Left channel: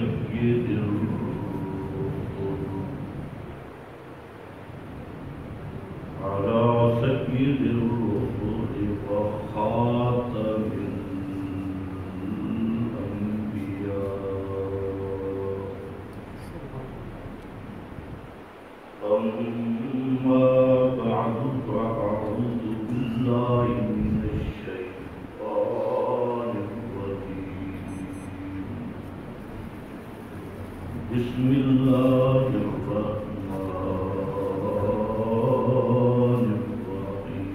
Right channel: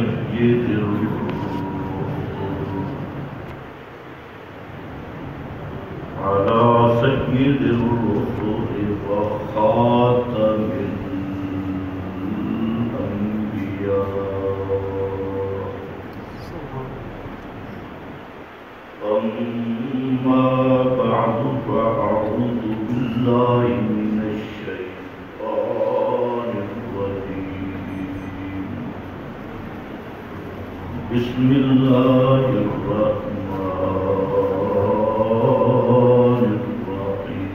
سيد الرسل وخاتم الأنبياء. أما بعد فأعوذ بالله من الشيطان الرجيم. بسم الله الرحمن الرحيم.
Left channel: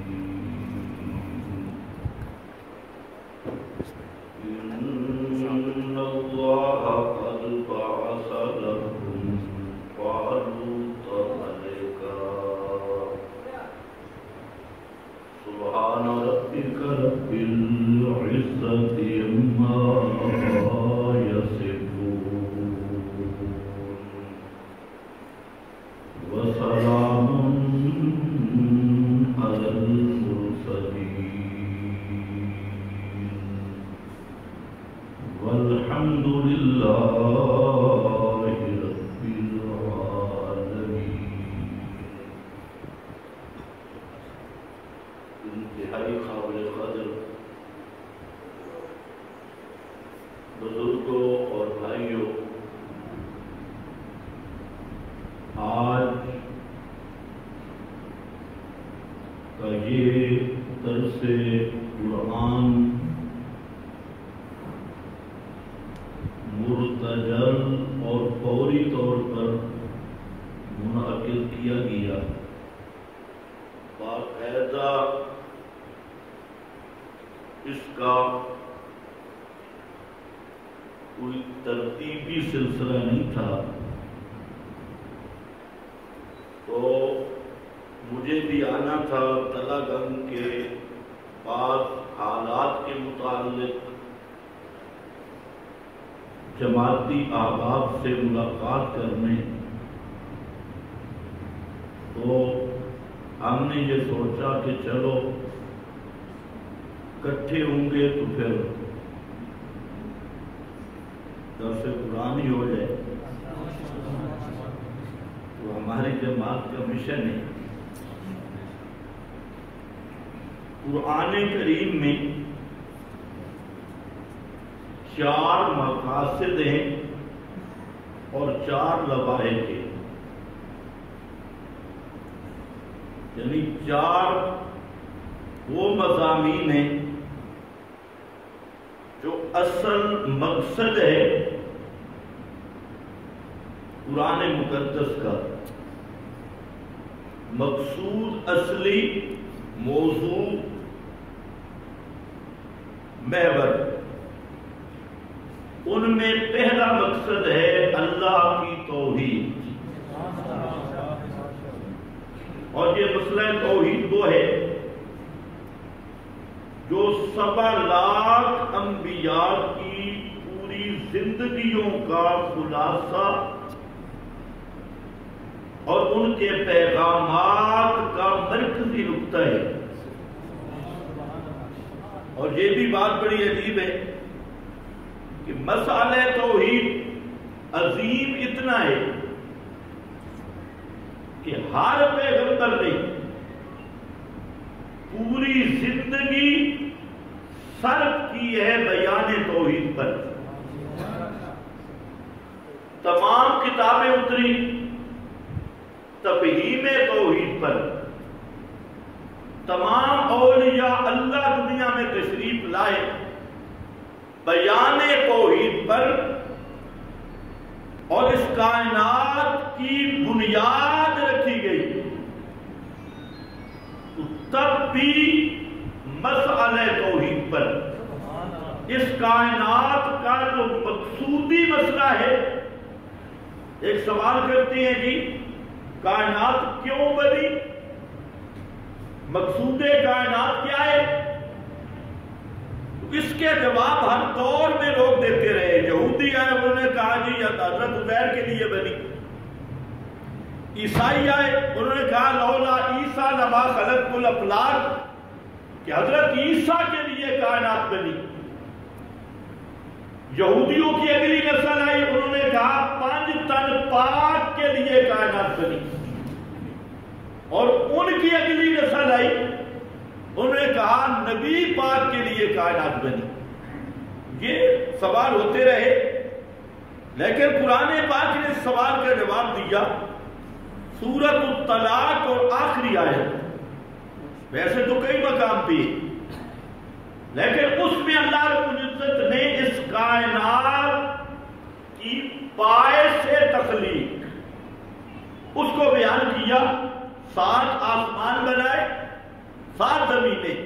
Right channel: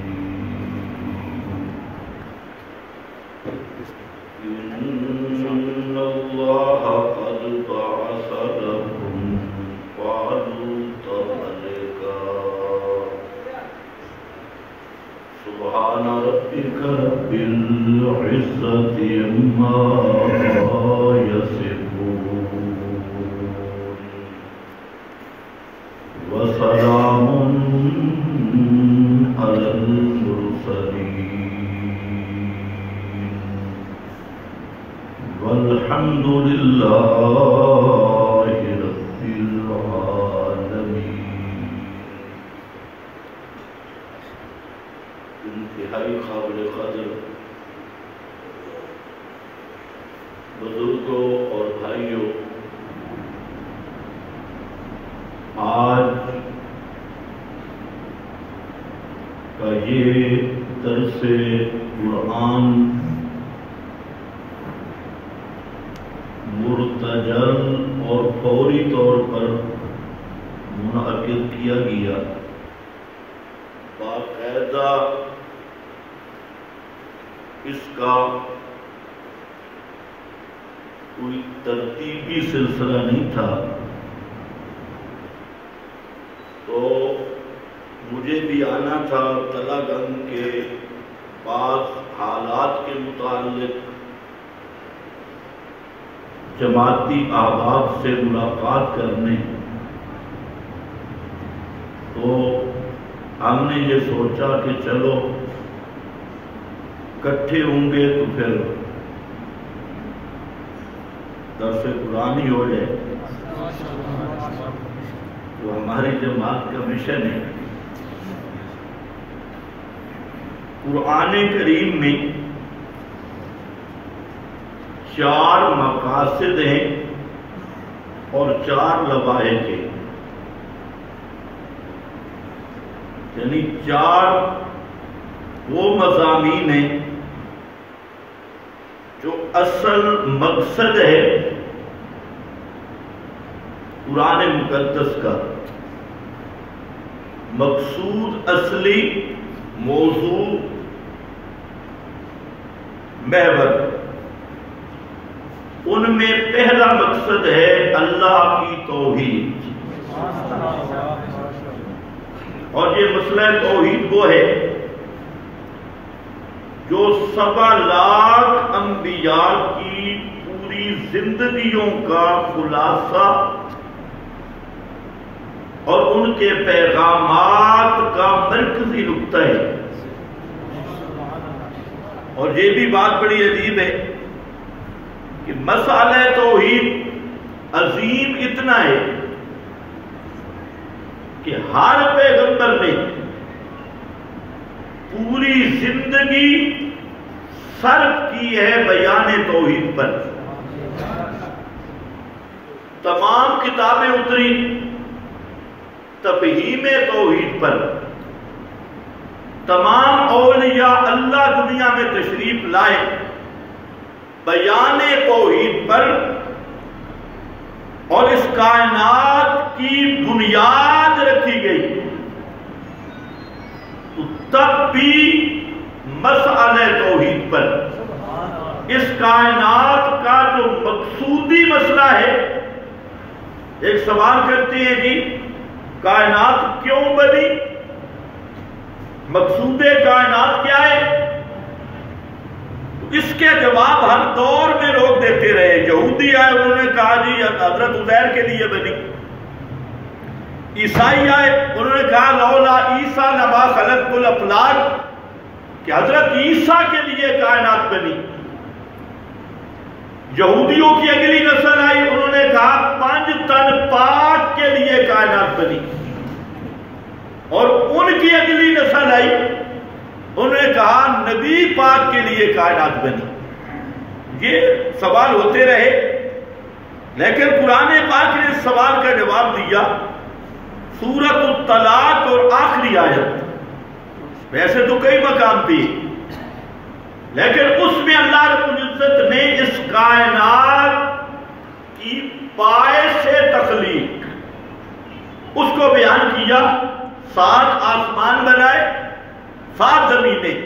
إن الله قد بعث لكم طالوت ملكا. سبحان ربك رب العزة عما يصفون وسلام على المرسلين والحمد لله رب العالمين. انتہائی قابل قدر بزرگوں اور بھائیوں، آج کا یہ درس قرآن مرتجل اور فوری طور پر منعقد کیا گیا. باقاعدہ اس کا کوئی ترتیبی سلسلہ نہیں تھا، تو مجھے بھی آنا تھا. تلا گنگ کے بعض حالات کے متعلق جماعتی احباب سے ملاقات کرنے، تو ہم نے یہ سوچا کہ چلو اکٹھے ہوں گے تو پھر درس قرآن ہی ہو جائے. تو ہماری جماعت کا مشن ہے. قرآن کریم میں 4 مقاصد ہیں اور 4 لوائح کے، یعنی 4 وہ مضامین ہیں جو اصل مقصد ہے قرآن مقدس کا. مقصود، اصلی موضوع، محور. ان میں پہلا مقصد ہے اللہ کی توحید. اور یہ مسئلہ توحید وہ ہے جو 7 لاکھ انبیاء کی پوری زندگیوں کا خلاصہ اور ان کے پیغامات کا مرکزی نقطہ ہے. اور یہ بھی بات بڑی عجیب ہے کہ مسئلہ توحید عظیم اتنا ہے کہ ہر پیغمبر نے پوری زندگی صرف کی ہے بیان توحید پر. تمام کتابیں اتری تفہیم توحید پر. تمام اولیاء اللہ دنیا میں تشریف لائے بیان توحید پر، اور اس کائنات کی بنیاد رکھی گئی. تو تب بھی مسئلہ توحید پر، اس کائنات کا جو مقصودی مسئلہ ہے. ایک سوال کرتے ہیں جی کائنات کیوں بنی؟ مقصود کائنات کیا ہے؟ اس کے جواب ہر دور میں لوگ دیتے رہے. یہودی آئے، انہوں نے کہا جی حضرت عزیر کے لیے بنی. عیسائی آئے، انہوں نے کہا لولا عیسیٰ لما خلقت الافلاک، کہ حضرت عیسیٰ کے لیے کائنات بنی. یہودیوں کی اگلی نسل آئی، انہوں نے کہا 5 تن پاک کے لیے کائنات بنی، اور ان کی اگلی نسل آئی، انہوں نے کہا نبی پاک کے لیے کائنات بنی۔ یہ سوال ہوتے رہے، لیکن قرآن پاک نے اس سوال کا جواب دیا سورۃ الطلاق اور آخری آیت۔ ویسے تو کئی مقام تھی، لیکن اس میں اللہ رب العزت نے اس کائنات کی پائے سے تخلیق اس کو بیان کیا۔ 7 آسمان بنائے، 7 زمینیں،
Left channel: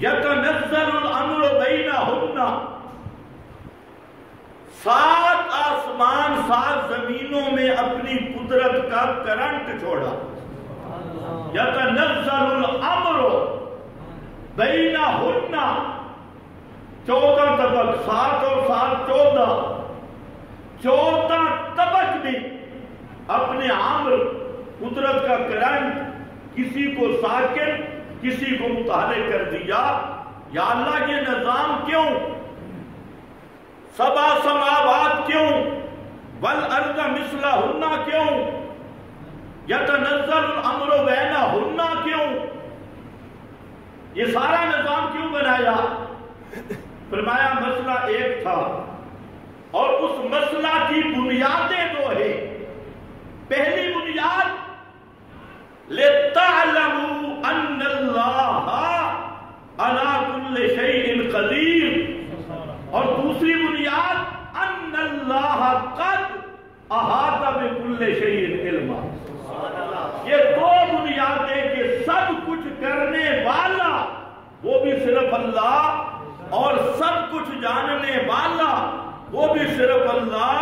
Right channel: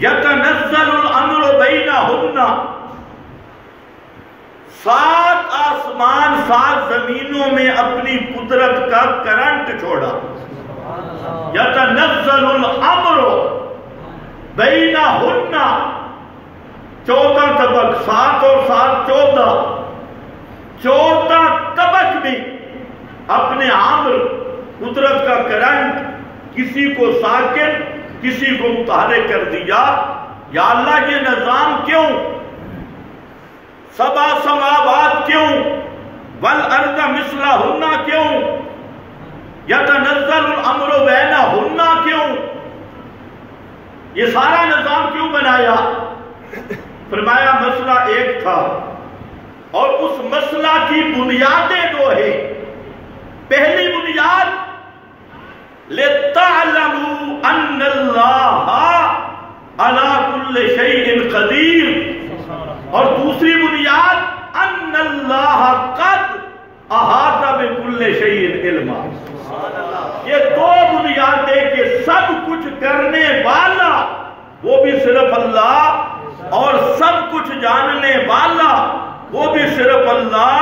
یتنزل الامر بینہن، 7 آسمان 7 زمینوں میں اپنی قدرت کا کرنٹ چھوڑا۔ یتنزل الامر بینہن، 14 طبق، 7 اور 7 14، 14 طبق میں اپنے امر قدرت کا کرنٹ کسی کو ساکن کسی کو متحرک کر دیا۔ یا اللہ یہ نظام کیوں؟ 7 سماوات کیوں؟ والارض مثلہن کیوں؟ یتنزل الامر بینہن کیوں؟ یہ سارا نظام کیوں بنایا؟ فرمایا مسئلہ ایک تھا، اور اس مسئلہ کی بنیادیں 2 ہیں۔ پہلی بنیاد لِتَعْلَمُوا أَنَّ اللَّهَ عَلَى كُلِّ شَيْءٍ قَدِيرٌ، اور دوسری بنیاد أَنَّ اللَّهَ قَدْ أَحَاطَ بِكُلِّ شَيْءٍ عِلْمًا۔ یہ 2 بنیادیں کہ سب کچھ کرنے والا وہ بھی صرف اللہ، اور سب کچھ جاننے والا وہ بھی صرف اللہ،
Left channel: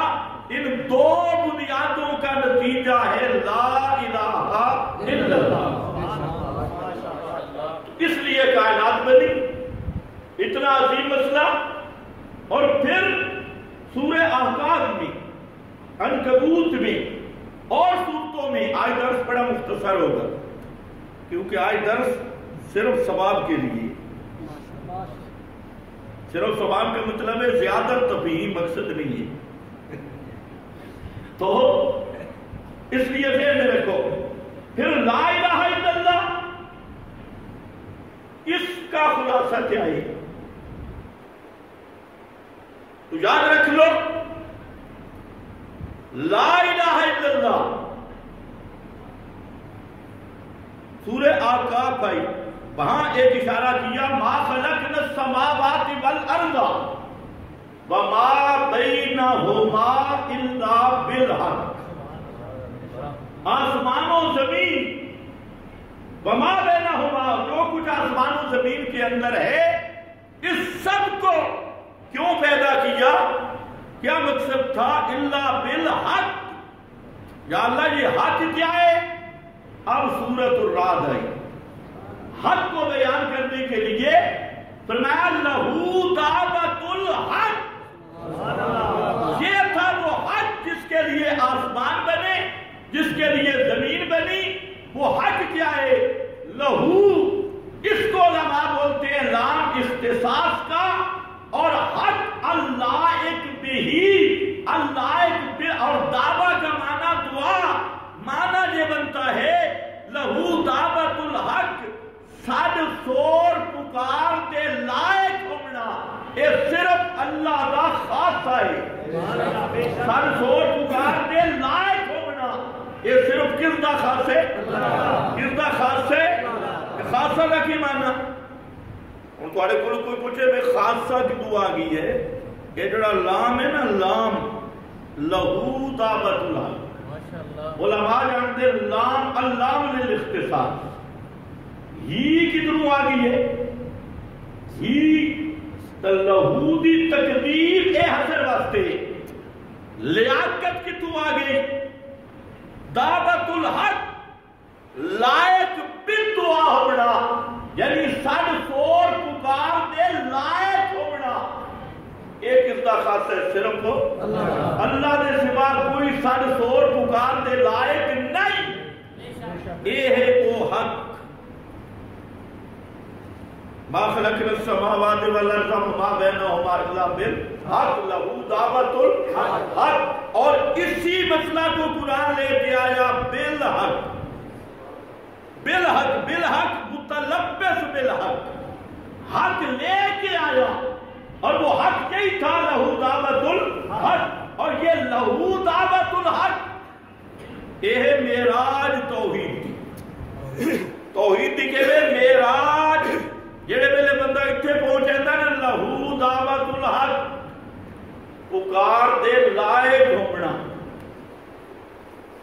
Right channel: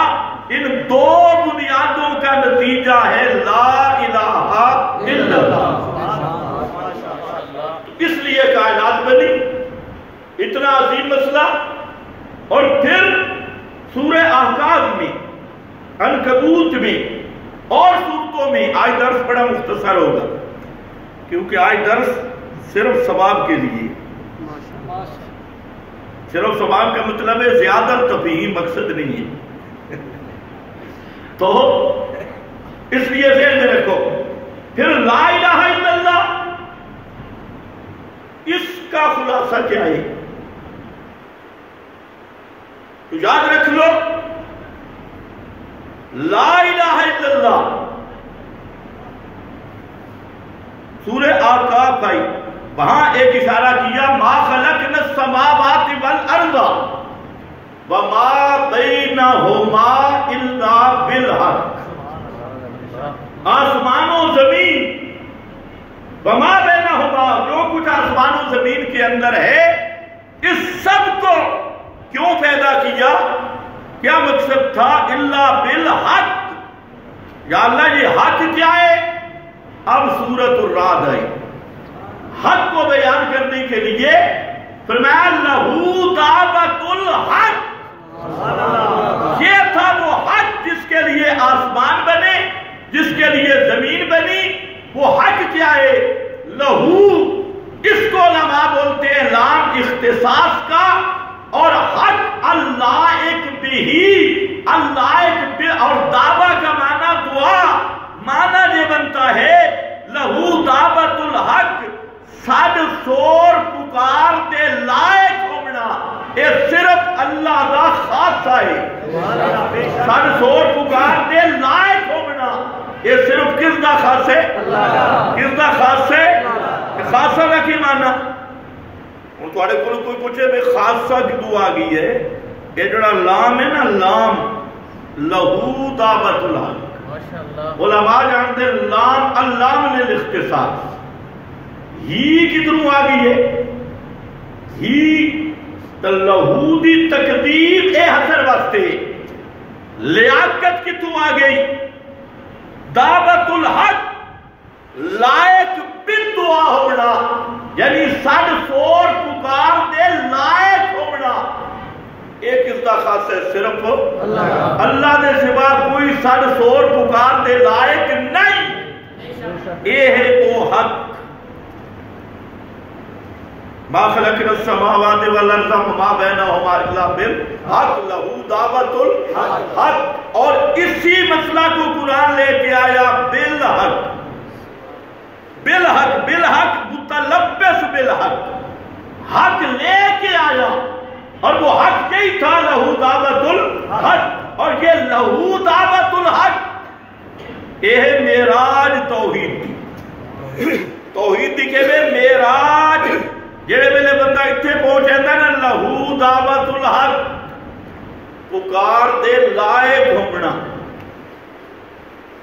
ان 2 بنیادوں کا نتیجہ ہے لا الہ الا اللہ۔ اس لیے کائنات بنی، اتنا عظیم مسئلہ۔ اور پھر سورہ احقاف میں، عنکبوت میں اور سورتوں میں، آج درس بڑا مختصر ہوگا کیونکہ آج درس صرف ثواب کے لیے، صرف ثواب کا مطلب ہے زیادہ تفہیم مقصد نہیں ہے، تو اس لیے ذہن میں رکھو۔ پھر لا الہ الا اللہ، اس کا خلاصہ کیا ہے؟ تو یاد رکھ لو، لا الہ الا اللہ سورہ احقاف آئی، وہاں ایک اشارہ کیا ما خلقنا السماوات والارض وما بینہما الا بالحق، آسمان و زمین، وما بینہما، جو کچھ آسمان و زمین کے اندر ہے، اس سب کو کیوں پیدا کیا؟ کیا مقصد تھا؟ الا بالحق۔ یا اللہ یہ حق کیا ہے؟ اب سورۃ الرعد آئی، حق کو بیان کرنے کے لیے فرمایا لہو دعوت الحق۔ یہ تھا وہ حق جس کے لیے آسمان بنے، جس کے لیے زمین بنی۔ وہ حق کیا ہے؟ لہو، اس کو علماء بولتے ہیں لام اختصاص کا، اور حق اللائق بھی، اللائق بھی، اور دعویٰ کا معنی دعا، معنی یہ بنتا ہے لہو دعوت الحق، سڈ سور پکار دے لائق ہونا، یہ صرف اللہ دا خاصہ ہے۔ سڈ سور پکار دے لائق ہونا، یہ صرف کس دا خاص ہے؟ کس دا خاص ہے؟ خاصہ کا کی معنی؟ ہوں تھوڑے کو کوئی پوچھے میں خاصہ کدو آ گئی ہے، یہ جڑا لام ہے نا، لام لہو دعوت الحق، علماء جانتے ہیں لام اللام للاختصاص، ہی کدھروں آ گئی ہے؟ ہی لہو دی تقدیر اے حسر واسطے، لیاقت کتوں آ گئی؟ دعوت الحق لائق بن دعا ہونا، یعنی سڈ سور پکار دے لائق ہونا۔ ایک اس دا خاص ہے صرف اللہ دے سوا کوئی سڈ سور پکار دے لائق نہیں۔ اے ہے وہ حق ما خلقنا السماوات والارض وما بینہما الا بالحق لہ دعوت الحق. اور اسی مسئلہ کو قرآن لے کے آیا بالحق. بالحق بالحق متلبس بالحق، حق لے کے آیا، اور وہ حق یہی تھا لہ دعوت الحق. اور یہ لہ دعوت الحق یہ ہے معراج توحید دی. توحید دی کہ میں معراج جڑے ویلے بندہ اتنے پہنچ جاتا نا لہ دعوت الحق، پکار دے لائے گھومنا.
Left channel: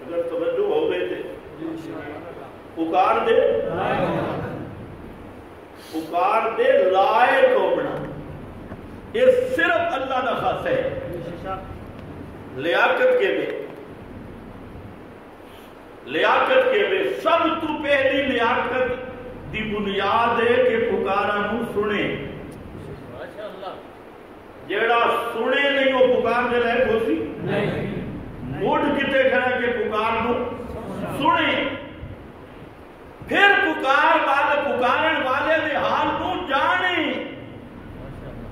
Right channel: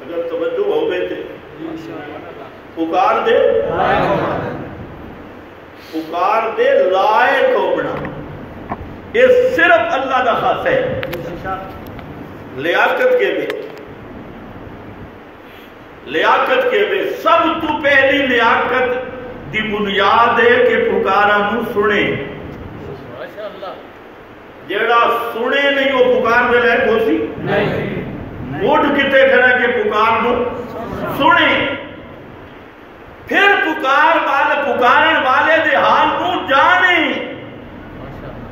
اگر توجہ ہو گئے تھے پکار دے لائے گھومنا، یہ صرف اللہ دا خاص ہے. لیاقت کے میں سب تو پہلی لیاقت دی بنیاد ہے کہ پکارا نو سنے. جیڑا سنے نہیں وہ پکار دے لائق ہو سی موڈ کتے کھڑا کہ پکار نو سنے. پھر پکارن والے دے حال نو جانے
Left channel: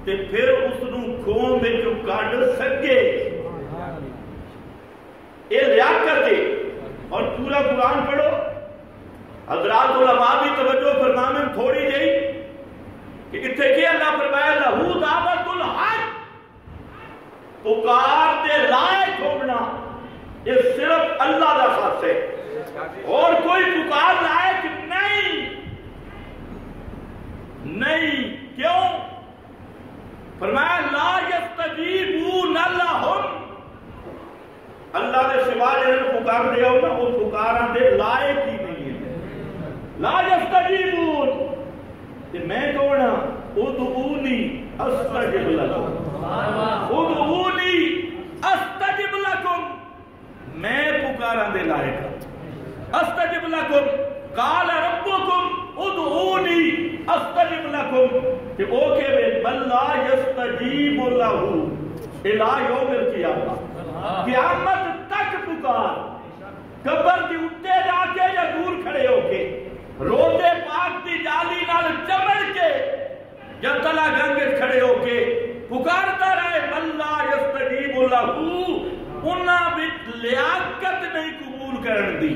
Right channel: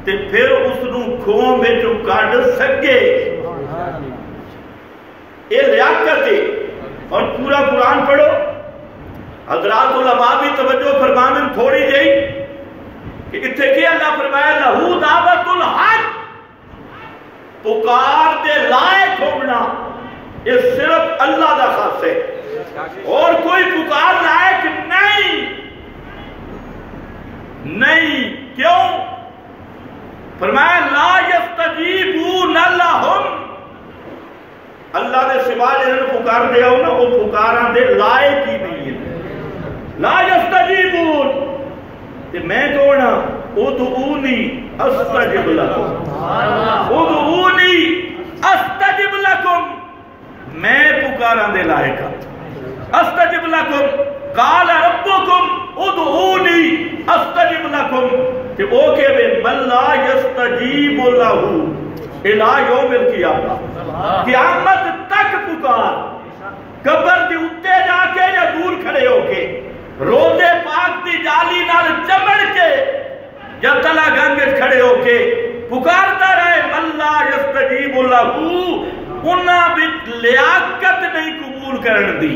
تے پھر اس نو کھوں میں جو کاڑ سکے. یہ لیاقت ہے. اور پورا قرآن پڑھو. حضرات علماء بھی توجہ فرمائیں تھوڑی جائی کہ اتھے کی اللہ فرمایا لہ دعوت الحق، پکار دے لائق ہونا یہ صرف اللہ دا خاص ہے، اور کوئی پکار لائق نہیں. کیوں؟ فرمایا لا یستجیبون لہم، اللہ دے سوا جنہوں پکار دیا ہو نا وہ پکاران دے لائق ہی نہیں ہے. لا یستجیبون کہ میں کون ہاں؟ ادعونی استجب لکم، ادعونی استجب لکم، میں پکاران دے لائق ہاں. استجب لکم قال ربکم ادعونی استجب لکم، کہ او کہ من لا یستجیب لہو الہ یوم القیامہ، قیامت تک پکار، قبر دی اتے جا کے یا دور کھڑے ہو کے، روزے پاک دی جالی نال چمڑ کے یا تلا گنگت کھڑے ہو کے پکارتا رہے من لا یستجیب لہو. انہاں بھی لیاقت نہیں قبول کرن دی،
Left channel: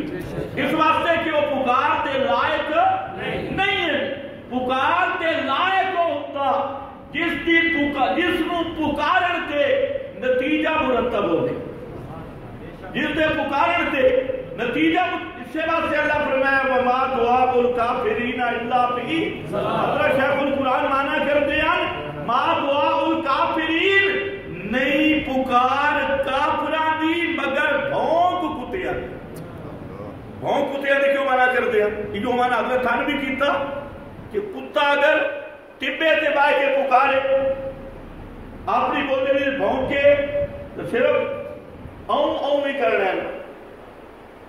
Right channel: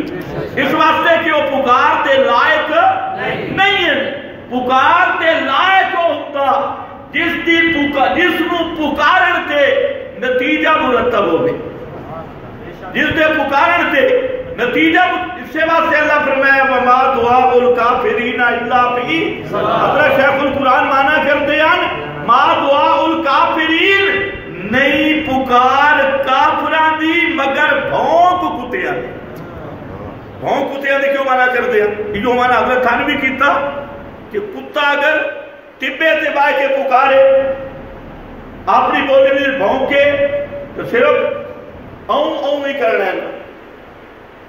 اس واسطے کہ وہ پکار دے لائق نہیں ہے. پکار دے لائق ہوتا جس نو پکارن تے نتیجہ مرتب ہوئے، جس دے پکارن تے نتیجہ. اس سے واسطے اللہ فرمایا وما دعاء الکافرین الا فی. حضرت شیخ القرآن مانا کر دیان ما دعاء الکافرین نہیں پکار کافران دی مگر بھونک کتیاں دی. بھونک کتیاں دی کیوں مانا کر دیان؟ یہ مانا حضرت تھانوی کیتا کہ کتا اگر ٹبے تے بائے کے پکارے اپنی بولی میں بھونکے تو صرف اون نہیں کرنا ہے.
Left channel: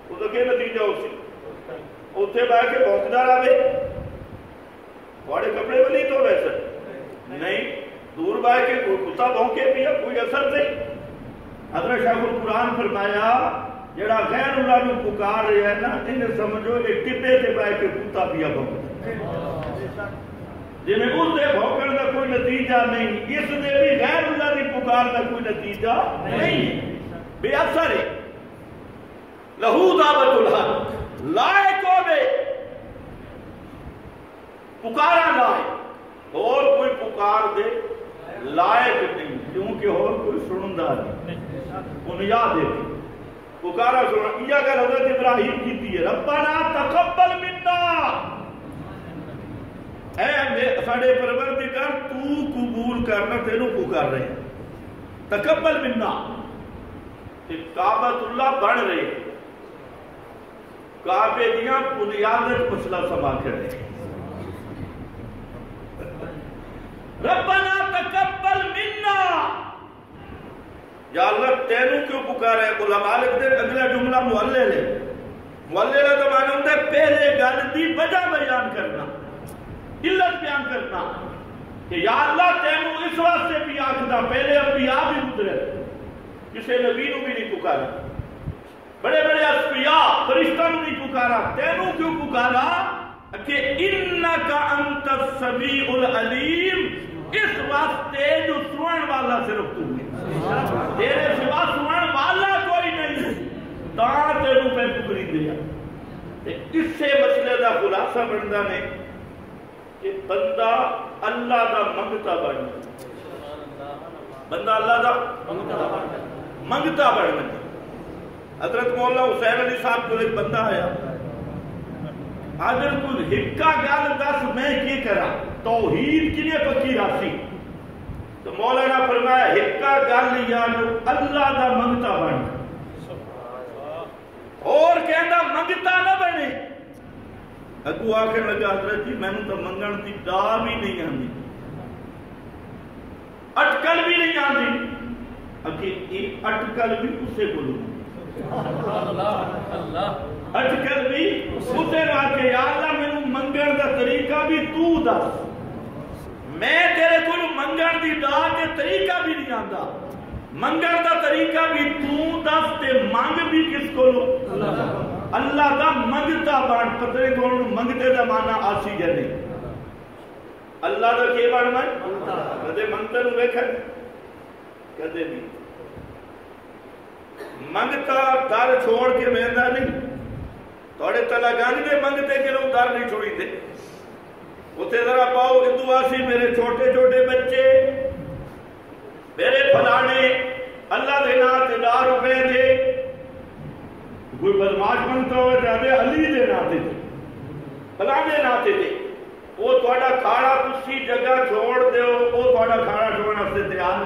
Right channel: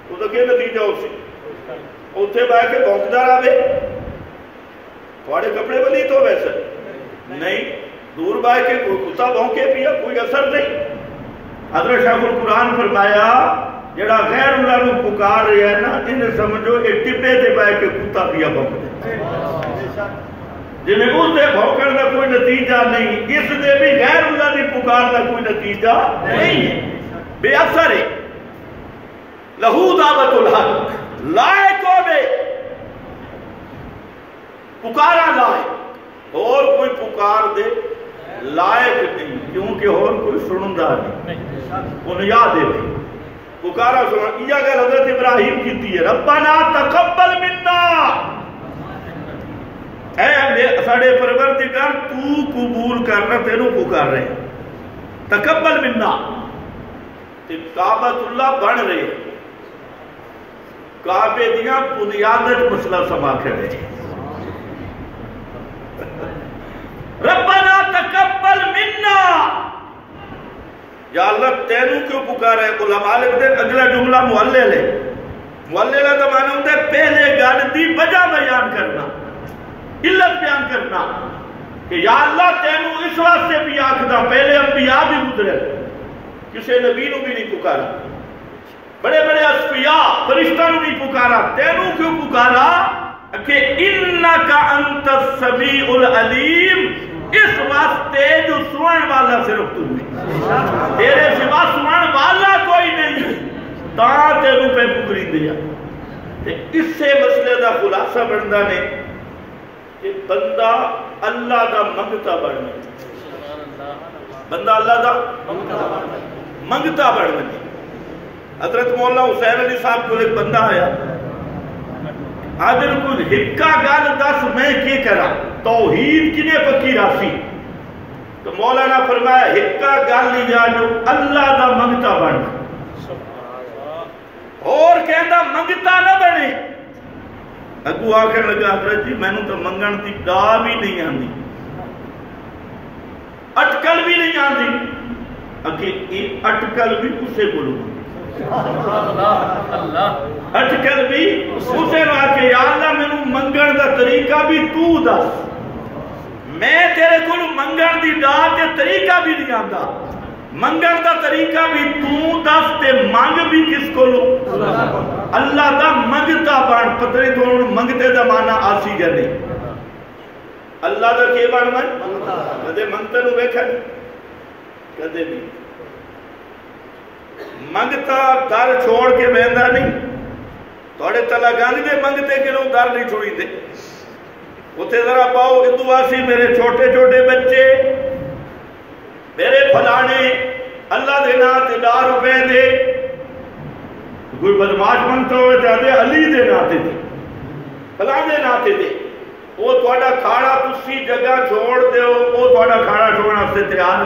وہ تو کیا نتیجہ ہو سی اتھے بائے کے بھونکدار آوے تھوڑے کپڑے بلی تو ویسے نہیں، دور بائے کے کتا بھونکے پیا کوئی اثر نہیں. حضرت شیخ القرآن فرمایا جڑا غیر اللہ نو پکار رہا ہے نا انہیں سمجھو کہ ٹبے تے بائے کے کتا پیا بھونک دے، جنہیں اس دے بھونکن کا کوئی نتیجہ نہیں، اس دے بھی غیر اللہ نے پکار کا کوئی نتیجہ نہیں ہے، بے اثر ہے. لہو دعوت الحق، لائق ہو بے پکارا لائق، اور کوئی پکار دے لائق نہیں، کیونکہ اور کوئی سنندہ نہیں. انہیں یاد ہے پکارا سننا. یہ اگر حضرت ابراہیم کیتی ہے ربنا تقبل منا، اے ساڑے پروردگار تو قبول کرنا، تینوں پکار رہے ہیں. تقبل منا کعبۃ اللہ بن رہے، کعبے دیاں بنیادت مسئلہ سما کھڑے. ربنا تقبل منا، یا اللہ تینوں کیوں پکار ہے؟ علماء لکھتے ہیں اگلا جملہ معلل ہے. معلل ہے تو معنی ہوتا ہے پہلے گل دی وجہ بیان کرنا، علت بیان کرنا کہ یا اللہ تینوں اس واسطے بھی آکھدا. پہلے انبیاء بھی گزرے، کسے نبی نو بھی نہیں پکارا، بڑے بڑے اصفیاء فرشتہ نو نہیں پکارا، تینوں کیوں پکارا؟ کہ انکا انت السمیع العلیم، اس واسطے جو سنن والا صرف تو ہے، تیرے سوا سنن والا کوئی نہیں، تاں تینوں پہ پکری دیا۔ اس سے مسئلے دا خلاصہ بندا نے کہ بندہ اللہ دا منگتا بننا، بندہ اللہ دا منگتا بننا۔ حضرت مولا حسین علی صاحب کو ایک بندہ آیا، آدھر کو ہکا گل دس میں کی کرا، توحید کنے پکی راسی؟ تو مولانا فرمایا ہکا گل لیا جو اللہ دا منگتا بننا، اور کہندہ منگتا نہ بنے۔ اگو آخر لگا حضرت جی میں نے تو منگن دی گا بھی نہیں آندی، اٹکل بھی نہیں آندی، اگے اٹکل بھی اسے بولو، اٹکل بھی اسے رہا کہ یا اللہ میں نے منگن دا طریقہ بھی تو دس، میں تیرے کو منگن دی دا تے طریقہ بھی نہیں آندا، منگن دا طریقہ بھی تو دس تے مانگ بھی کس کو لو؟ اللہ دا منگتا بان، پترے تو منگتے دا مانا آسی جانے، اللہ دا کی بان من؟ کدے منگتا نو بیکھا کدے نہیں، منگتا در چھوڑ کے بیندہ نہیں، توڑے تلا گانگ دے منگتے کے لوگ در نہیں چھوڑی دے، اتھے ذرا پاؤ ادو آسی میرے چھوٹے چھوٹے بچے، میرے پھلانے اللہ دینا تے ₹10 دے، کوئی بدماش منگتا ہوئے چاہتے علی دے ناتے دے، پھلانے ناتے دے، وہ توڑا کھاڑا کسی جگہ چھوڑ دے ہو، وہ توڑا کھاڑا چھوڑنا سے تیار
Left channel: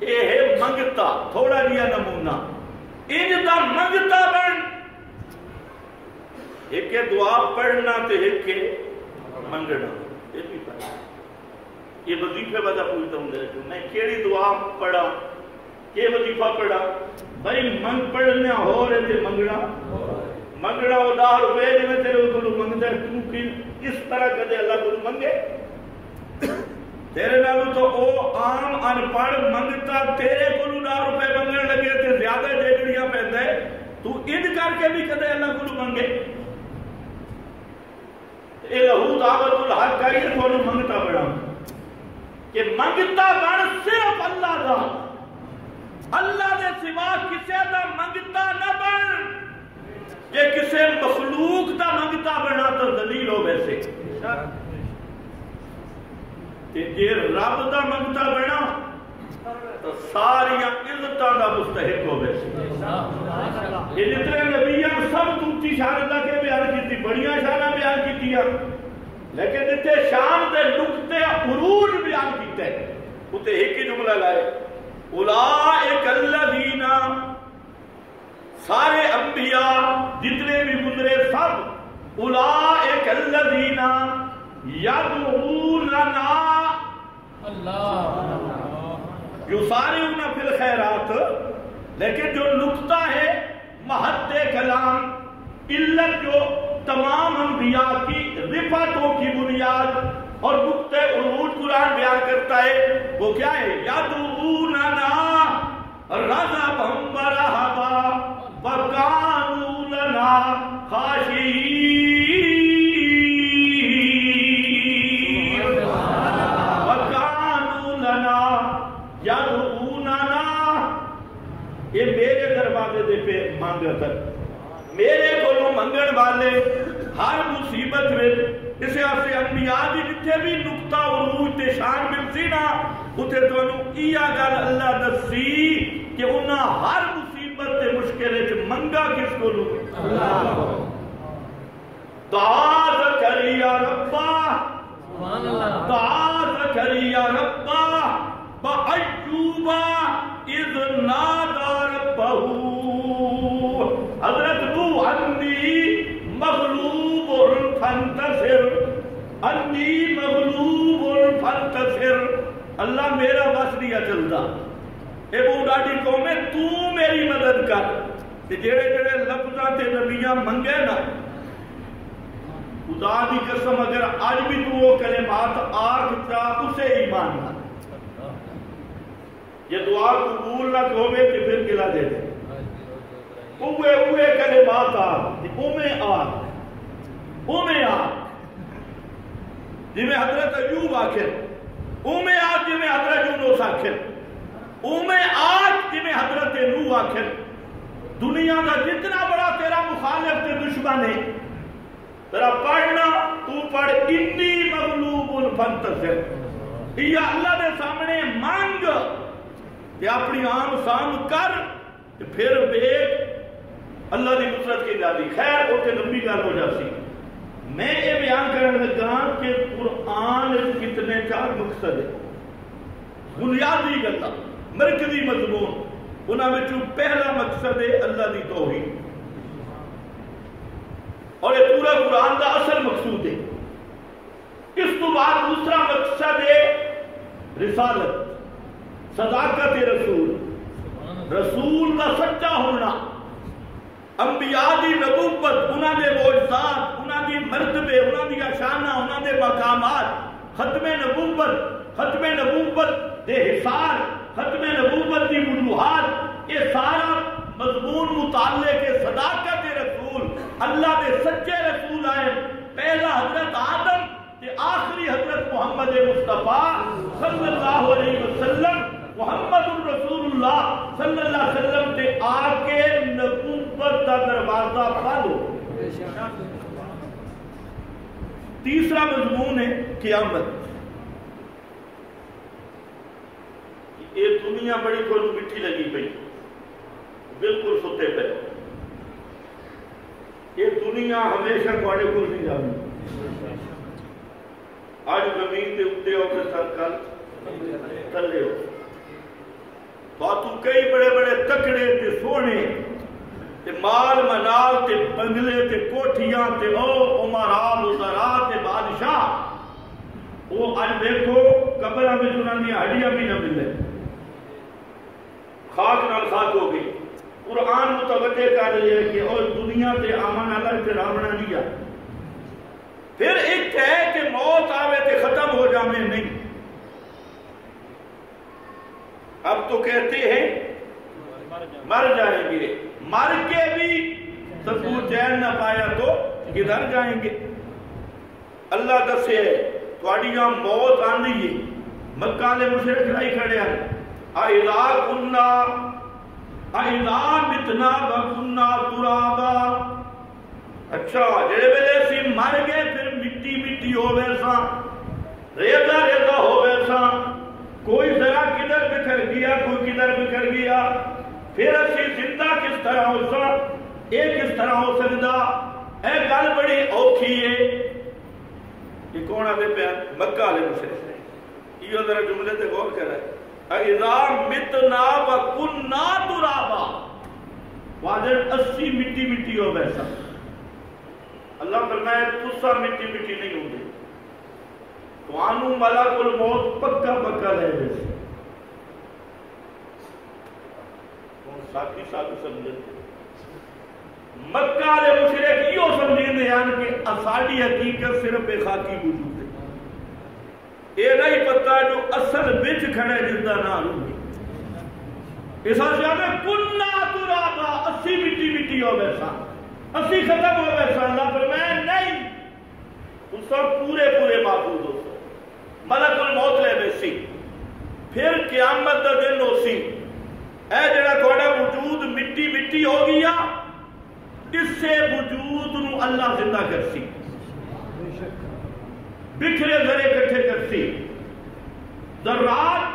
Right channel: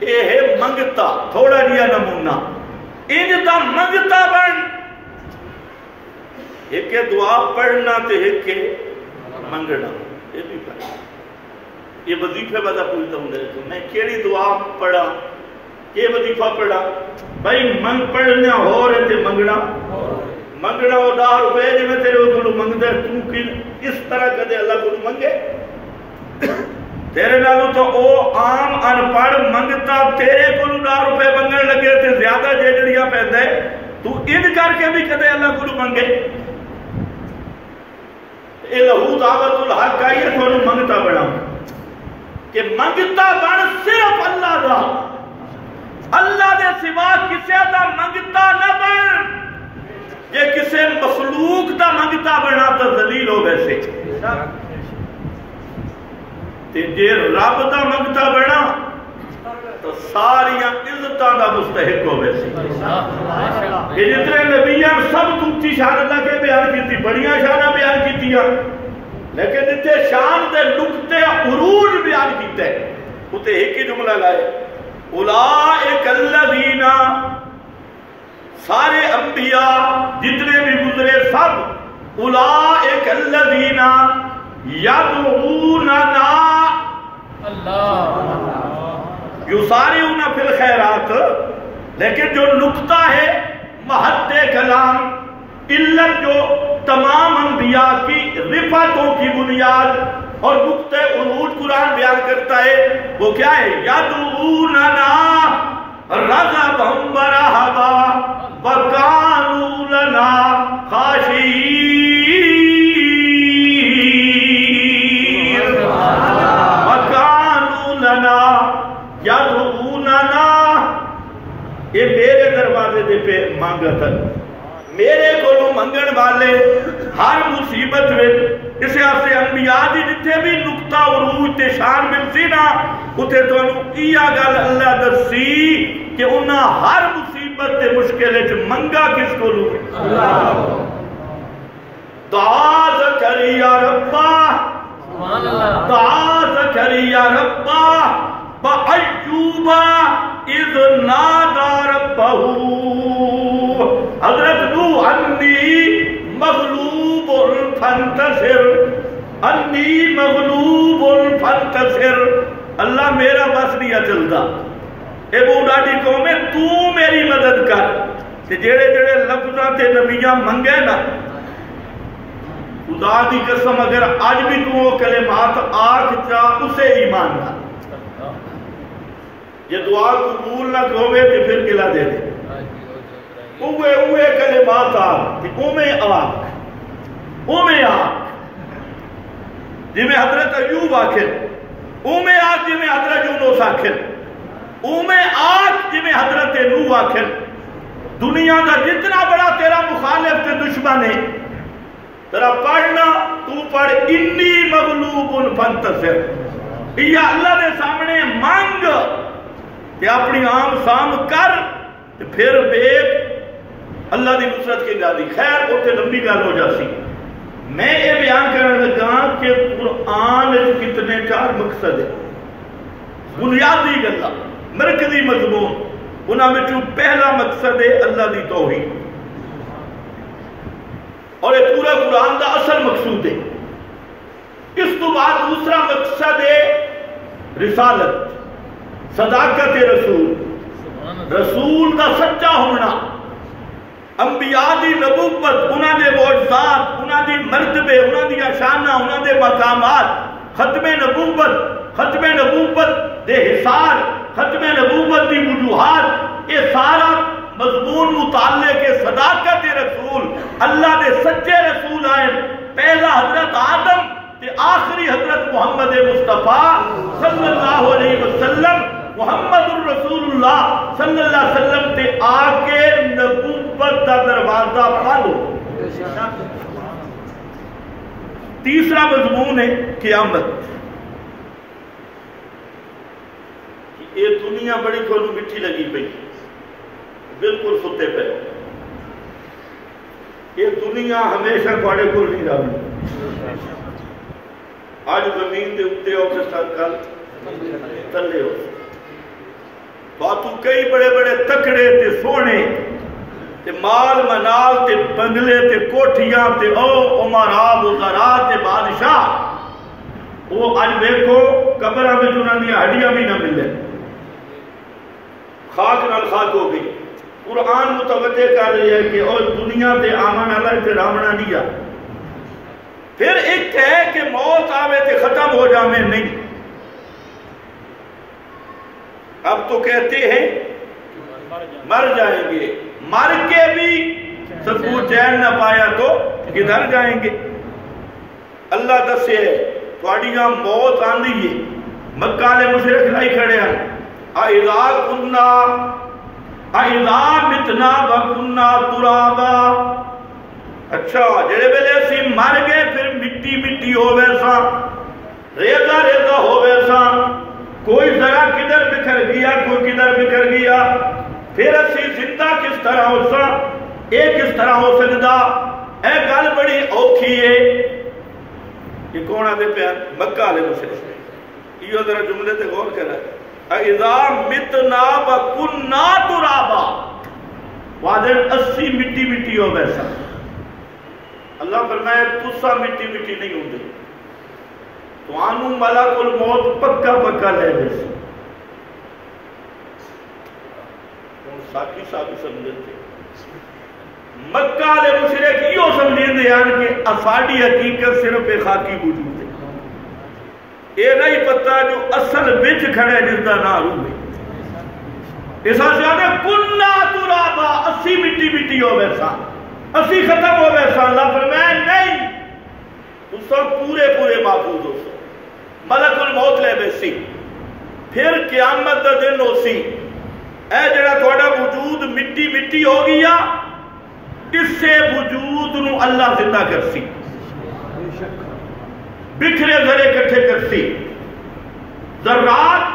اے ہے منگتا، تھوڑا جیا نمونہ انتا منگتا بن، ایک دعا پڑھنا تے ایک منگنا، یہ بھی پڑھنا، یہ وظیفے بدا پوچھتا ہوں میرے کو، میں کیڑی دعا پڑھا، یہ وظیفہ پڑھا، بھائی منگ پڑھنا ہو رہے تھے منگنا، منگنا وہ ₹10 جی میں تیرے کو منگتا ہے، تو کی اس طرح کدے اللہ کو منگے؟ تیرے نالو تو او عام انپڑھ منگتا تیرے کو ₹10 منگن لگے تھے زیادہ جیڑیاں پہندا ہے، تو ان کر کے بھی کدے اللہ کو منگے؟ اے لہو دعوت الحق کا یہ تو منگتا بڑا کہ منگتا بن صرف اللہ دا، اللہ دے سوا کسے دا منگتا نہ بن، یہ کسے مخلوق دا منگتا بنا تو ذلیل ہو ویسے، تے جے رب دا منگتا بنا تو ساریاں عزتاں دا مستحق ہو ویسے۔ یہ جتنے نبیان سب دوتی شان اللہ کے بیان کی تھی، بڑیاں شانہ بیان کی تھی، لیکن جتے شان دے نقطے عروج بیان کیتے ہیں، اتے ایک ہی جملہ لائے، اولئک الذین، سارے انبیاء جتنے بھی گزرے سب، اولئک الذین یدعوننا یسارعون فی الخیرات، لیکن جو نقطہ ہے محط کلام علت جو تمام انبیاء کی رفعتوں کی بنیاد اور نقطہ عروج قرآن بیان کرتا ہے، وہ کیا ہے؟ یدعوننا رغبا ورہبا وکانوا لنا خاشعین، وکانوا لنا یدعوننا، یہ میرے دروازے دے پہ مانگتا ہے، میرے کو منگن والے ہر مصیبت میں، اسے آسے انبیاء دی جتے بھی نقطہ عروج تے شان ملسی نا، اتے تو انہوں ایا گل اللہ دسی کہ انہاں ہر مصیبت تے مشکلے چھ منگا کس کو لوگ؟ دعا زکریا ربا، دعا زکریا ربا بَأَيُّوبَ اِذْ نَادَى رَبَّهُ، حضرت نوح انی مغلوب فانتصر، انی مغلوب فانتصر، اللہ میرا بس نہیں چلتا، اے وہ ڈاٹی قوم ہے تو میری مدد کر، تے جڑے جڑے لفظاں تے نبیاں منگے نا، خدا دی قسم اگر آج بھی تو وہ کلمات آکھ چاہ اسے ایمان نہ، یہ دعا قبول نہ ہوئے تو پھر گلا دے دے، اوے کلمات آکھ، اوے آکھ، اومے آگ جی میں حضرت ایوب آخر، اومے آگ جی میں حضرت یونس آخر، اومے آگ جی میں حضرت نوح آخر۔ دنیا کا جتنا بڑا تیرا مخالف تے دشمن ہے، تیرا پڑھنا تو پڑھ انی مغلوب فانتصر، یا اللہ دے سامنے مانگ تے اپنی عام سام کر تے پھر بیک اللہ دی نصرت کی گالی۔ خیر اوتے لمبی گل ہو جاسی، میں یہ بیان کرنے لگا کہ قرآن کتنے 4 مقصد ہے، بنیادی گلا مرکزی مضمون، انہاں میں پہلا مقصد ہے اللہ دی توحید، اور یہ پورا قرآن دا اصل مقصود ہے۔ اس تو بعد دوسرا مقصد ہے رسالت، صداقت رسول، رسول دا سچا ہونا، انبیاء دی نبوت، انہاں دے معجزات، انہاں دی مرتبے، انہاں دی شانہ، انہاں دے مقامات، ختم نبوت دے حصار، ختم نبوت دی وجوہات، یہ سارا مضمون متعلق کے صداقت رسول، اللہ دے سچے رسول آئے، پہلا حضرت آدم تے آخری حضرت محمد مصطفیٰ صلی اللہ علیہ وسلم، محمد الرسول اللہ صلی اللہ علیہ وسلم تے آکے نبوت دا دروازہ پالو۔ تیسرا مضمون ہے قیامت۔ یہ دنیا بڑی کھولو مٹھی لگی پئی، بالکل ستے پہ، یہ دنیا ہمیشہ تھوڑے کو نہیں رہی، آج زمین دے اتے ہو کے ساتھ کل تلے ہو، تو کئی بڑے بڑے تکڑے تے سونے تے مال منال تے بنگلے تے کوٹھیاں تے عمراء وزراء تے بادشاہ، وہ آج دیکھو قبرہ میں جنہاں دی ہڈیاں بھی نہ ملے، خاک نال خاک ہو گئی۔ قرآن متوجہ کر رہی ہے کہ اور دنیا تے آمن اللہ تے رامنا نہیں جا، پھر ایک ہے کہ موت آوے تے ختم ہو جامے نہیں۔ اب تو کہتے ہیں مر جائیں گے، مر کے بھی سب کو چین نہ پایا تو کدھر جائیں گے؟ اللہ دسے تھوڑیاں موت آندھی ہے، مکہ لے مشرک لائی کھڑے ہیں، اِذَا كُنَّا اِذَا مِتْنَا وَكُنَّا تُرَابًا، اچھا جڑے ویلے اسی مر گئے پھر مٹی مٹی ہو ویسا، ریزہ ریزہ ہو ویسا، کوئی ذرا کدھر بکھر گیا کوئی کدھر بکھر گیا، پھر اسی زندہ کس طرح ہو سا، ایک کس طرح ہو سکتا؟ اے گل بڑی اوکھی ہے۔ یہ کون آدھے پہ مکہ علیہ مشرک، یہ ذرا جملے تے غور کر رہا ہے، اِذَا مِتْنَا وَكُنَّا تُرَابًا، وعدن 80 مٹی مٹی ہو ویسا۔ اللہ فرمائے تسا مٹی مٹی نہیں ہوں دے، تو آنو ملک الموت پکا پکا لے ویسا۔ ساکی ساکی سمجھتے مکہ لے مشرک یہ سمجھیں دے کہ افاڈی حقیقت صرف ایک خاکی وجود ہے، یہ نہیں پتا جو اصل بچ کھڑے جس دا نہ روح ہے۔ اس آسیانے کننا ترابا، 80 مٹی مٹی ہو ویسا، 80 ختم ہو ویسا۔ اللہ فرمائے نہیں، تو سب پورے پورے محفوظ ہو سو، ملک الموت لے بیسی، پھر قیامت دا دن ہو سی، اے جڑا تھوڑا وجود مٹی مٹی ہو گیا، اس سے وجود نو اللہ زندہ کر سی، بکھرے ذرے کٹھے کرسی، ذرات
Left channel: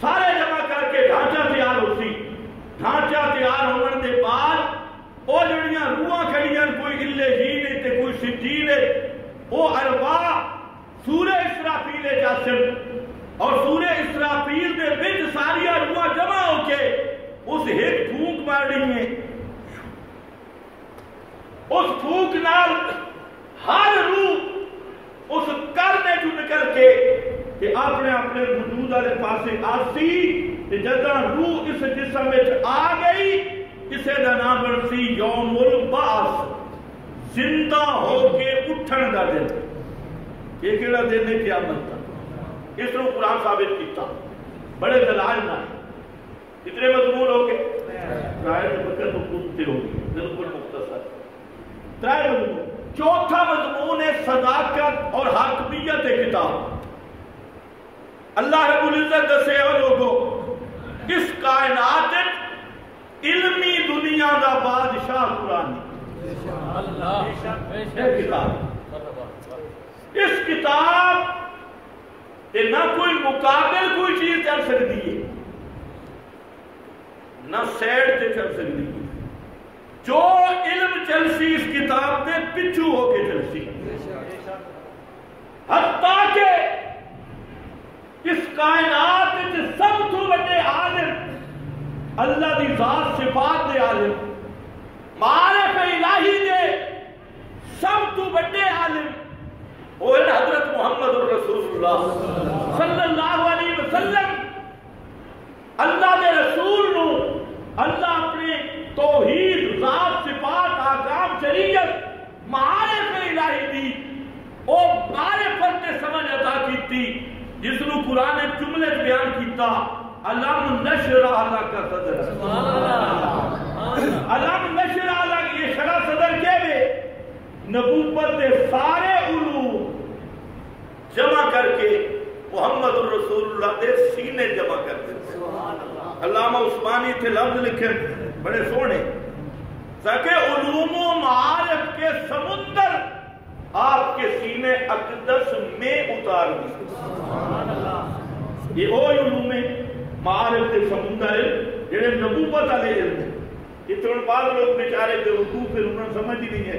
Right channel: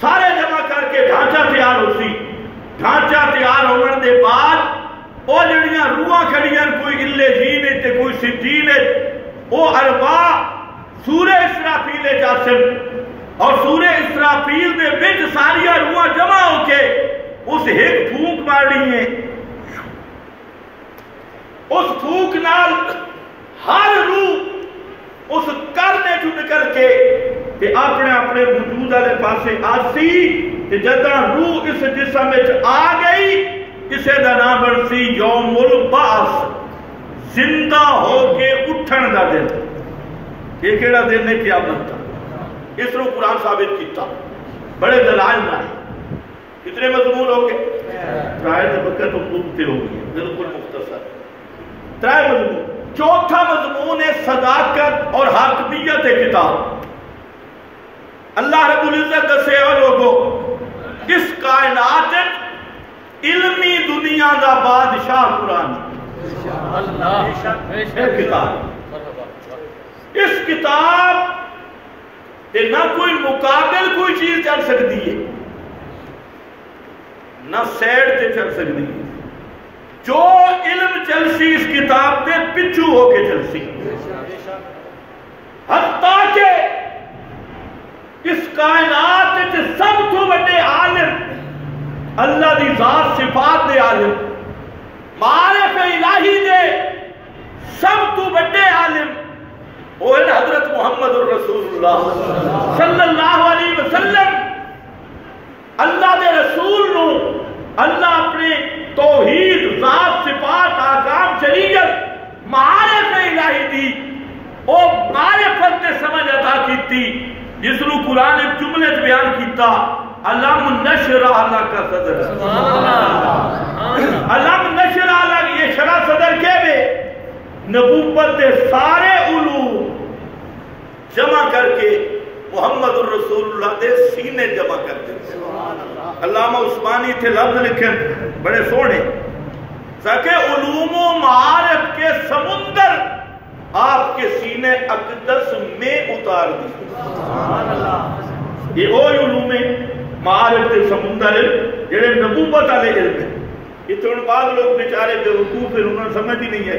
سارے جمع کر کے ڈھانچہ تیار ہو سی، ڈھانچہ تیار ہونے دے بعد وہ جڑیاں روحاں کھڑیاں، کوئی اللہ جین ہے تے کوئی سجین ہے، وہ اربعہ سورہ اسرافیل جاسم، اور سورہ اسرافیل دے بچ ساریاں روحاں جمع ہو کے اس ایک پھونک مارنی ہے، اس پھونک نال ہر روح اس کرنے جو نکل کے کہ اپنے اپنے وجود والے پاسے آسی، کہ جدہ روح اس جسم میں آ گئی، اسے دا نام بنسی یوم البعث، زندہ ہو کے اٹھن دا دن۔ یہ کیڑا دن ہے؟ قیامت کا۔ اس رو قرآن ثابت کیتا بڑے دلائل نہ، کتنے مضمون ہو گئے؟ ترائے طبقہ تو خودتے ہو گئی، بالکل مختصر ترائے مضمون۔ چوتھا مضمون ہے صداقت اور حاکمیت کتاب۔ اللہ رب العزت دسے اور لوگو اس کائنات علمی دنیا دا بادشاہ قرآن کتاب، اس کتاب تے نہ کوئی مقابل کوئی چیز چل سکتی ہے، نہ سیڈ تے چل سکتی ہے۔ جو علم چلسی اس کتاب تے پچھو ہو کے چلسی، حتیٰ کہ اس کائنات تے سب تو بڑے عالم، اللہ دی ذات صفات دے عالم، معارف الہی دے سب تو بڑے عالم وہ ہے حضرت محمد الرسول اللہ صلی اللہ علیہ وسلم۔ اللہ دے رسول نو اللہ اپنے توحید، ذات، صفات، احکام، شریعت، معارف الہی دی او معرفت تے سمجھ عطا کیتی، جس نو قرآن ایک جملے بیان کیتا، علم نشرح لک صدرک، علم نشرح لک، یہ شرح صدر کے بے نبوت دے سارے علوم جمع کر کے محمد الرسول اللہ دے سینے جمع کر دیتے۔ علامہ عثمانی تھے لفظ لکھے بڑے سونے، تاکہ علوم و معارف کے سمندر آپ کے سینے اقدس میں اتار دی۔ یہ وہ علوم معارف کے سمندر جڑے نبوت والے علم ہیں۔ اتنے بعد لوگ بیچارے بے وقوف ہیں، انہوں نے سمجھ ہی نہیں ہے،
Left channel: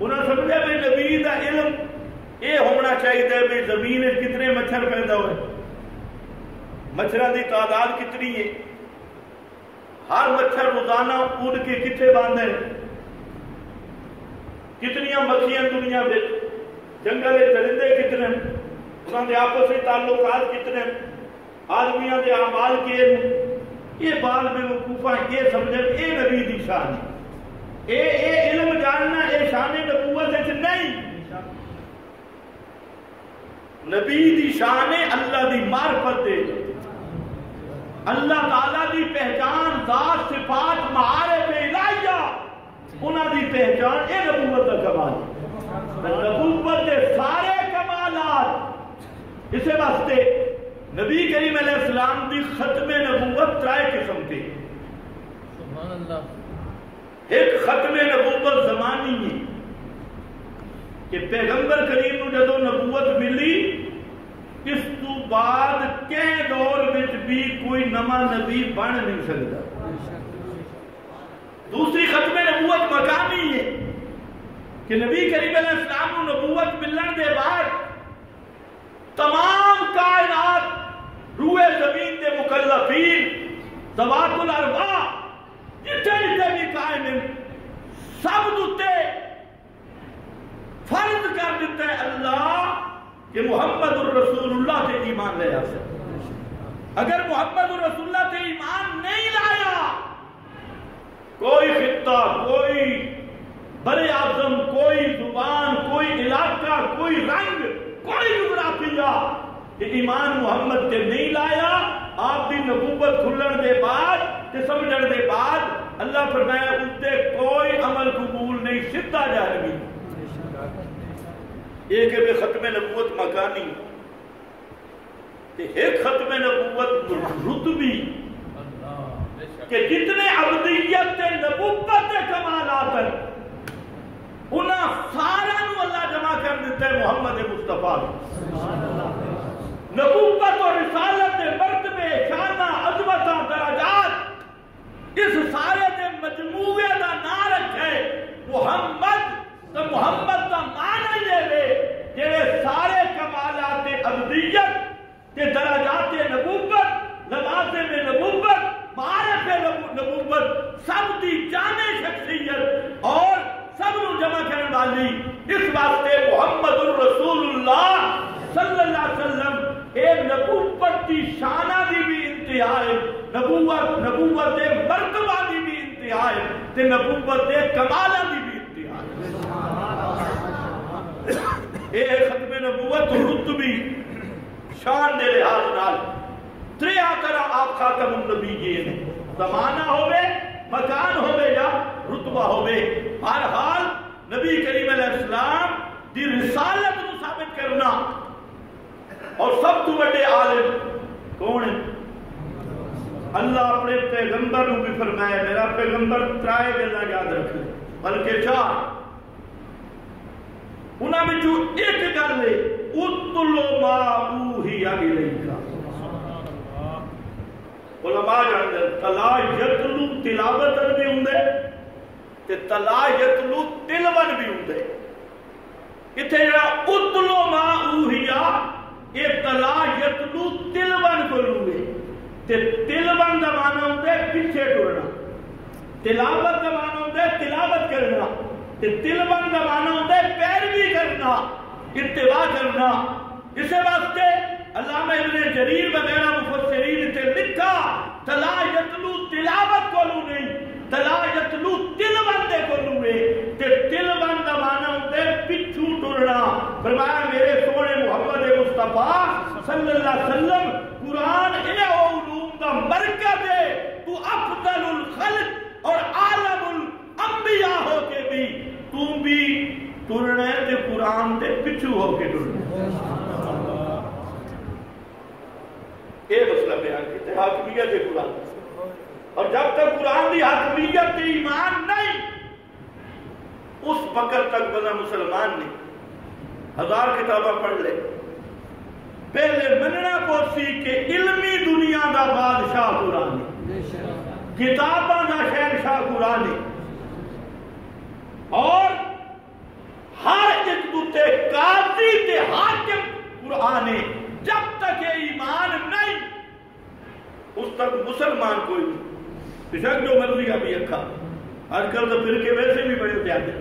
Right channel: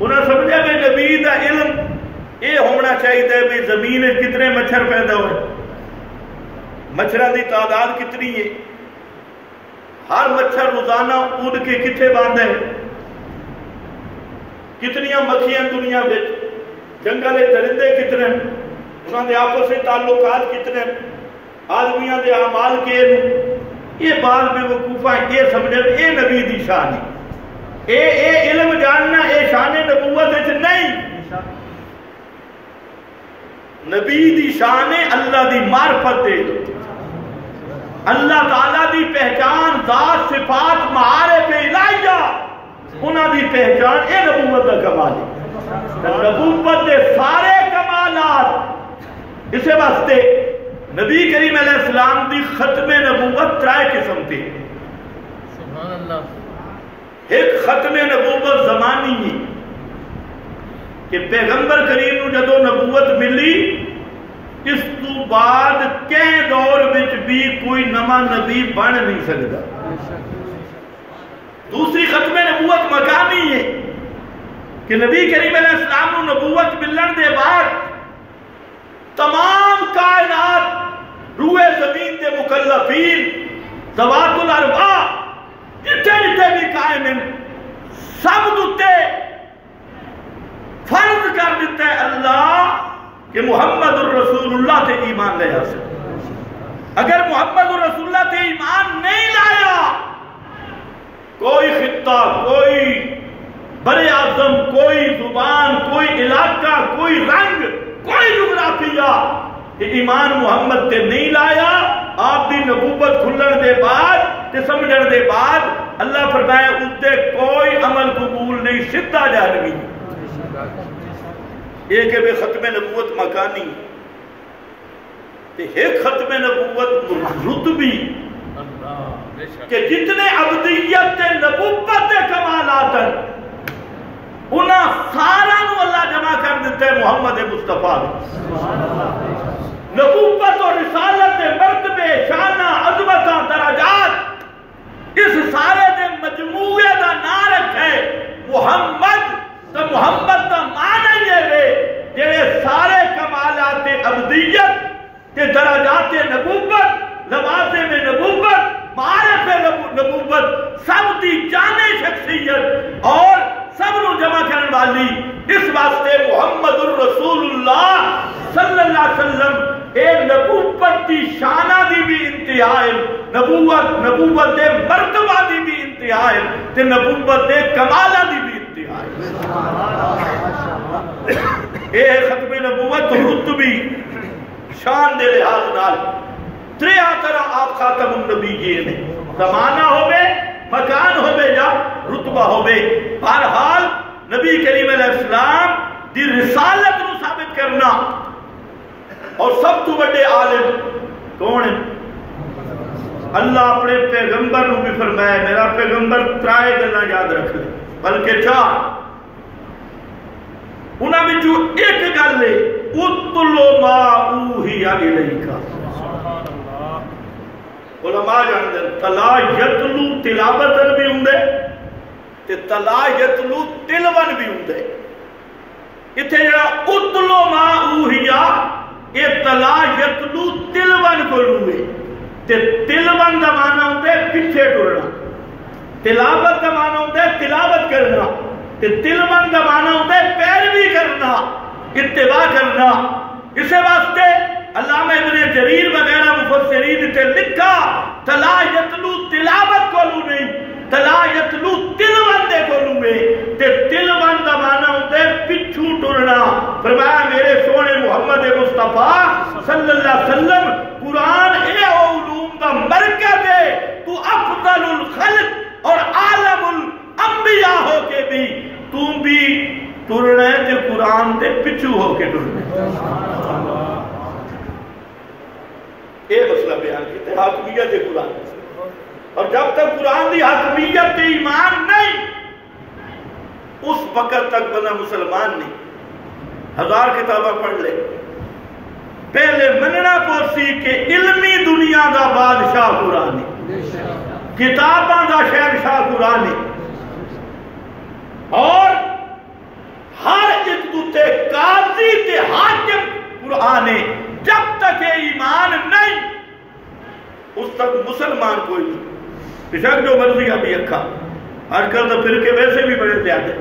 انہوں نے سمجھا کہ نبی دا علم یہ ہونا چاہیے کہ زمین کتنے مچھر پیدا ہوئے، مچھروں کی تعداد کتنی ہے، ہر مچھر روزانہ اڑ کے کتنے باندھ ہے، کتنی مکھیاں دنیا میں، جنگل درندے کتنے، انہوں نے آپس سے تعلقات کتنے، آدمیاں دے اعمال کے، یہ بات بے وقوفہ یہ سمجھے یہ نبی دی شان ہے، اے علم جاننا اے شان نبوت نہیں، نبی دی شان اللہ دی معرفت دے، اللہ تعالیٰ دی پہچان، ذات، صفات، معارف الہیہ، انہاں دی پہچان اے نبوت دا کمال ہے۔ نبوت دے سارے کمالات اسے واسطے نبی کریم علیہ السلام دی ختم نبوت ترائے قسم تھی۔ سبحان اللہ۔ ایک ختم نبوت زمانی ہے کہ پیغمبر کریم نو جدو نبوت ملی، اس تو بعد کہیں دور وچ بھی کوئی نما نبی بن نہیں سکتا۔ دوسری ختم نبوت مکانی ہے کہ نبی کریم علیہ السلام نو نبوت ملن دے بعد تمام کائنات، روح زمین دے مکلفین، ذوات الارواح، جتنے جتنے بھی قائم ہیں، سب دوتے فرض کر دیتا ہے اللہ کہ محمد الرسول اللہ تے ایمان لے آسے۔ اگر محمد الرسول اللہ تے ایمان نہیں لایا، کوئی خطہ، کوئی بر اعظم، کوئی زبان، کوئی علاقہ، کوئی رنگ، کوئی جغرافیہ، کہ ایمان محمد تے نہیں لایا، آپ دی نبوت کھلن دے بعد تے سمجھن دے بعد اللہ فرمائے اس تے کوئی عمل قبول نہیں، سدھا جہنمی۔ ایک ہے بے ختم نبوت مکانی، ایک ختم نبوت رتبی، کہ جتنے عبدیت نبوت کمالات ہیں انہاں سارا نو اللہ جمع کر دیتا ہے محمد مصطفیٰ۔ نبوت اور رسالت مرتبے، شانہ، عظمت، درجات، اس سارے دے مجموعے دا نام رکھے محمد۔ تو محمد دا معنی یہ ہے جڑے سارے کمالات عبدیت تے درجات نبوت، لوازم نبوت، معارف نبوت، سب دی جامع شخصیت اور سب نو جمع کرنے والی، اس واسطے محمد الرسول اللہ صلی اللہ علیہ وسلم اے نبوت دی شانہ دی بھی انتہا ہے، نبوت دے مرتبہ دی بھی انتہا ہے، تے نبوت دے کمالہ دی بھی انتہا ہے۔ اے ختم نبوت رتبی شان دے لحاظ نال تریہ طرح آپ خاتم النبیین ہیں، زمانہ ہوئے، مکان ہوئے یا رتبہ ہوئے، بہرحال نبی کریم علیہ السلام دی رسالت نو ثابت کرنا. اور سب تو بڑے عالم کون ہے؟ اللہ اپنے پیغمبر نو بھی فرمایا میرا پیغمبر ترائے گلاں یاد رکھ لے بلکہ 4. انہاں وچوں ایک گل ہے اتلو ما اوحی الیک. علماء جانتے ہیں تلا یتلو تلاوتن بھی ہوندے تے تلا یتلو تلون بھی ہوندے. اتھے جڑا اتلو ما اوحی یہ تلا یتلو تلون کو لوے تے تلون دا معنی ہوندے پیچھے ٹرنا. تلاوت دا معنی ہوندے تلاوت کرنا تے تلون دا معنی ہوندے پیروی کرنا اتباع کرنا. اسے واسطے علامہ ابن جریر وغیرہ مفسرین تے لکھا تلا یتلو تلاوت کو لو نہیں تلا یتلو تلون دے کو لوے تے تلون دا معنی ہوندے پچھو ٹرنا. فرمایا میرے سونے محمد مصطفیٰ صلی اللہ علیہ وسلم قرآن اے علوم دا مرکز ہے. تو افضل الخلق اور عالم الانبیاء ہو کے بھی تم بھی ٹرنا ہے تے قرآن دے پچھو ہو کے ٹرنا ہے. یہ مسئلہ بیان کیتے حاکمیت قرآن. اور جب تک قرآن دی حاکمیت ایمان نہیں اس وقت تک بنا مسلمان نہیں. 1000 کتابہ پڑھ لے پہلے مننا پوسی کہ علمی دنیا دا بادشاہ قرآن ہے کتاباں دا شہنشاہ قرآن ہے اور ہر ایک دوتے قاضی تے حاکم قرآن ہے. جب تک یہ ایمان نہیں اس تک مسلمان کوئی نہیں. بشک جو مرضی ابھی اکھا آج کل تو فرقے ویسے بھی بڑے زیادہ.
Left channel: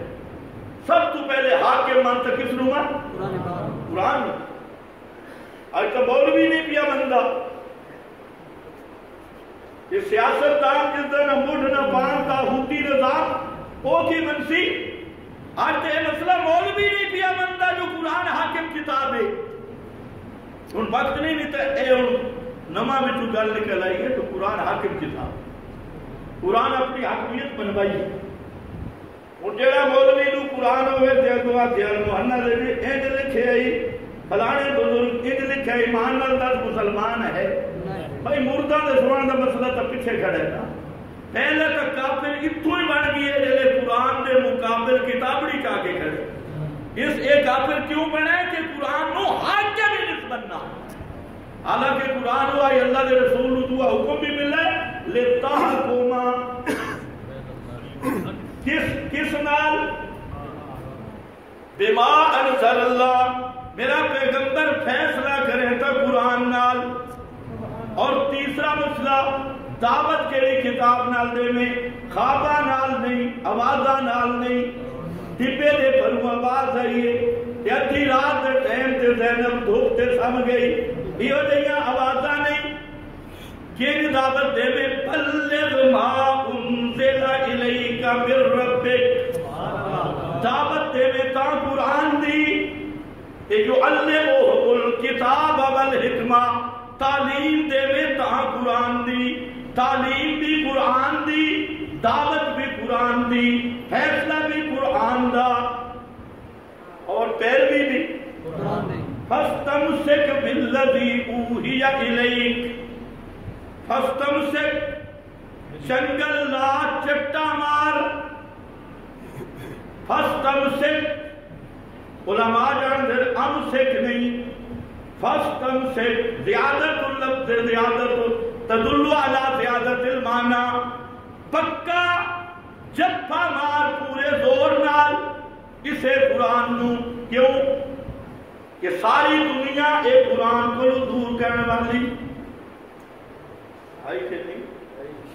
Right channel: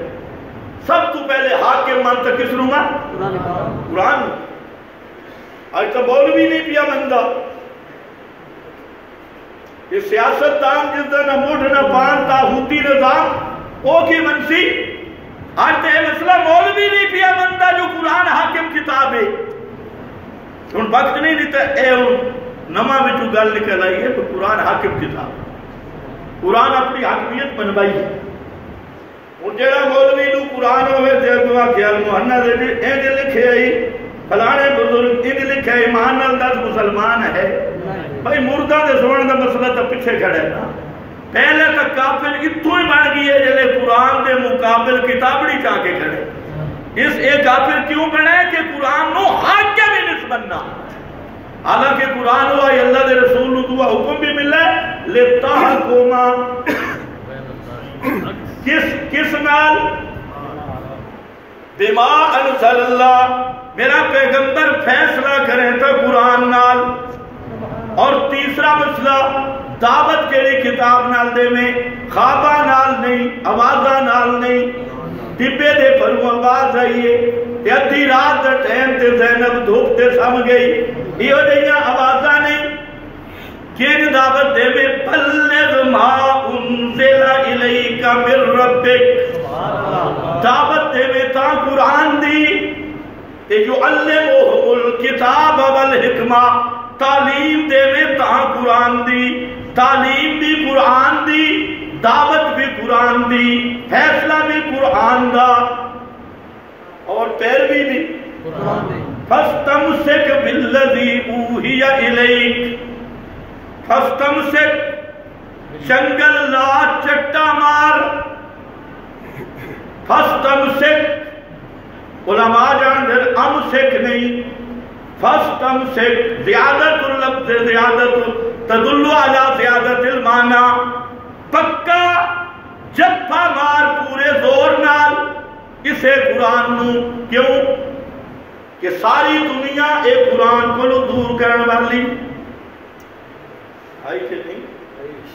سب تو پہلے حاکم مانتا کس نوں قرآن. آج تو مولوی نہیں پیا مندہ یہ سیاست دان جس دا نہ مڈ نہ پان تاغوتی نظام او کی منسی. آج تو یہ مسئلہ مولوی نہیں پیا مندہ جو قرآن حاکم کتاب ہے. ان وقت نہیں دیتا اے نما بچو گل نکل آئی ہے تو قرآن حاکم کتاب. قرآن اپنی حاکمیت بنوائی ہے. ان جیڑا مولوی نو قرآن ہوئے تھے اگوا خیال محنہ دے دی این لکھے آئی فلانے بزرگ این لکھے ایمان نال مسلمان ہے. بھائی مردہ دے سوڑن دا مسئلہ تا پیچھے کھڑے نا. پہلے تک کافر اتو ہی بن گئی ہے جلے قرآن دے مقابل کتابڑی چاہ کے کھڑے. اس ایک کافر کیوں بنے کہ قرآن نو حاکم ہی نس بننا. حالانکہ قرآن ہوا یا اللہ دے رسول نو دعا حکم بھی ملے لِتَحْكُمَ کس نال بما انزل اللہ میرا پیغمبر فیصلہ کریں تھا قرآن نال. اور تیسرا مسئلہ دعوت کیڑی کتاب نال دے میں خوابہ نال نہیں آوازہ نال نہیں. ٹپے دے پروں آواز آئیے ادھی رات دا ٹائم تے زینب دھوپ تے سم گئی یہ جہاں آوازاں نہیں. کین دعوت دے میں بلغ ما انزل الیک من ربک دعوت دے میں تا قرآن دی تے جو علمہم الکتاب والحکمہ تعلیم دے میں تا قرآن دی. تعلیم بھی قرآن دی دعوت بھی قرآن دی فیصلہ بھی قرآن دا اور پیروی بھی قرآن دی. فَاسْتَمْسِكْ بِالَّذِي أُوحِيَ إِلَيْكَ فَاسْتَمْسِكْ چنگل لا چٹا مار. فَاسْتَمْسِكْ علماء جان در امسک نہیں فَاسْتَمْسِكْ زیادت اللفظ زیادت تدل علی زیادت المعنی. پکا جپا مار پورے زور نال اسے قرآن نو. کیوں کہ ساری دنیا ایک قرآن کو دور کرنے والی آئی کہ نہیں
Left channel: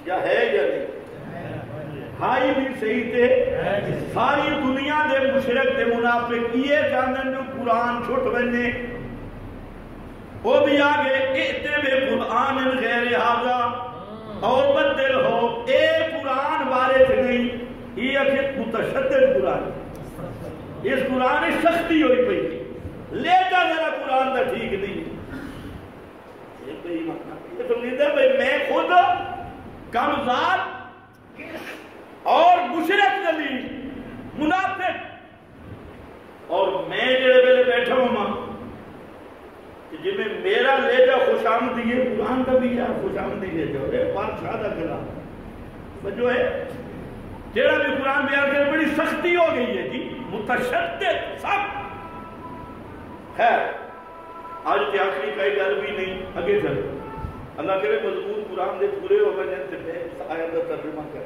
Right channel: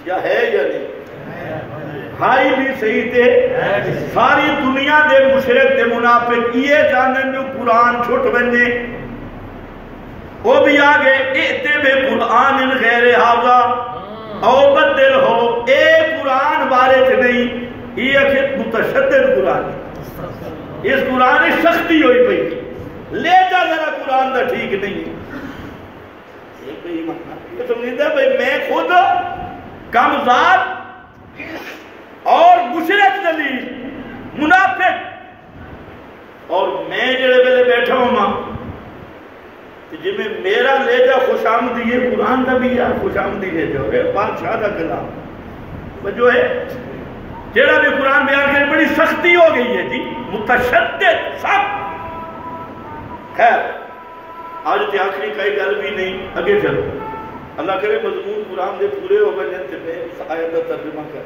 یا ہے یا نہیں ہائی بھی صحیح تھے. ساری دنیا دے مشرک دے منافق یہ جانن جو قرآن چھوٹ بننے وہ بھی آگے اِتے بے قرآن غیر حاضہ او بدل ہو اے قرآن بارے سے نہیں. یہ اکھت متشدد قرآن اس قرآن سختی ہوئی پئی لے جا ذرا قرآن دا ٹھیک نہیں. یہ بھئی یہ سمجھتا ہے میں خود کمزاد اور مشرک دلیل منافق آمدی ہے قرآن کا بھی یار خوش آمدی ہے جو ہے بادشاہ کا کلام جو ہے جیڑا بھی قرآن بیان کرے بڑی سختی ہو گئی ہے جی متشدد سخت خیر آج تے آخری کئی گل بھی نہیں اگے چلو اللہ کرے مضمون قرآن دے پورے ہو گئے تے میں اس آیت کا ترجمہ کر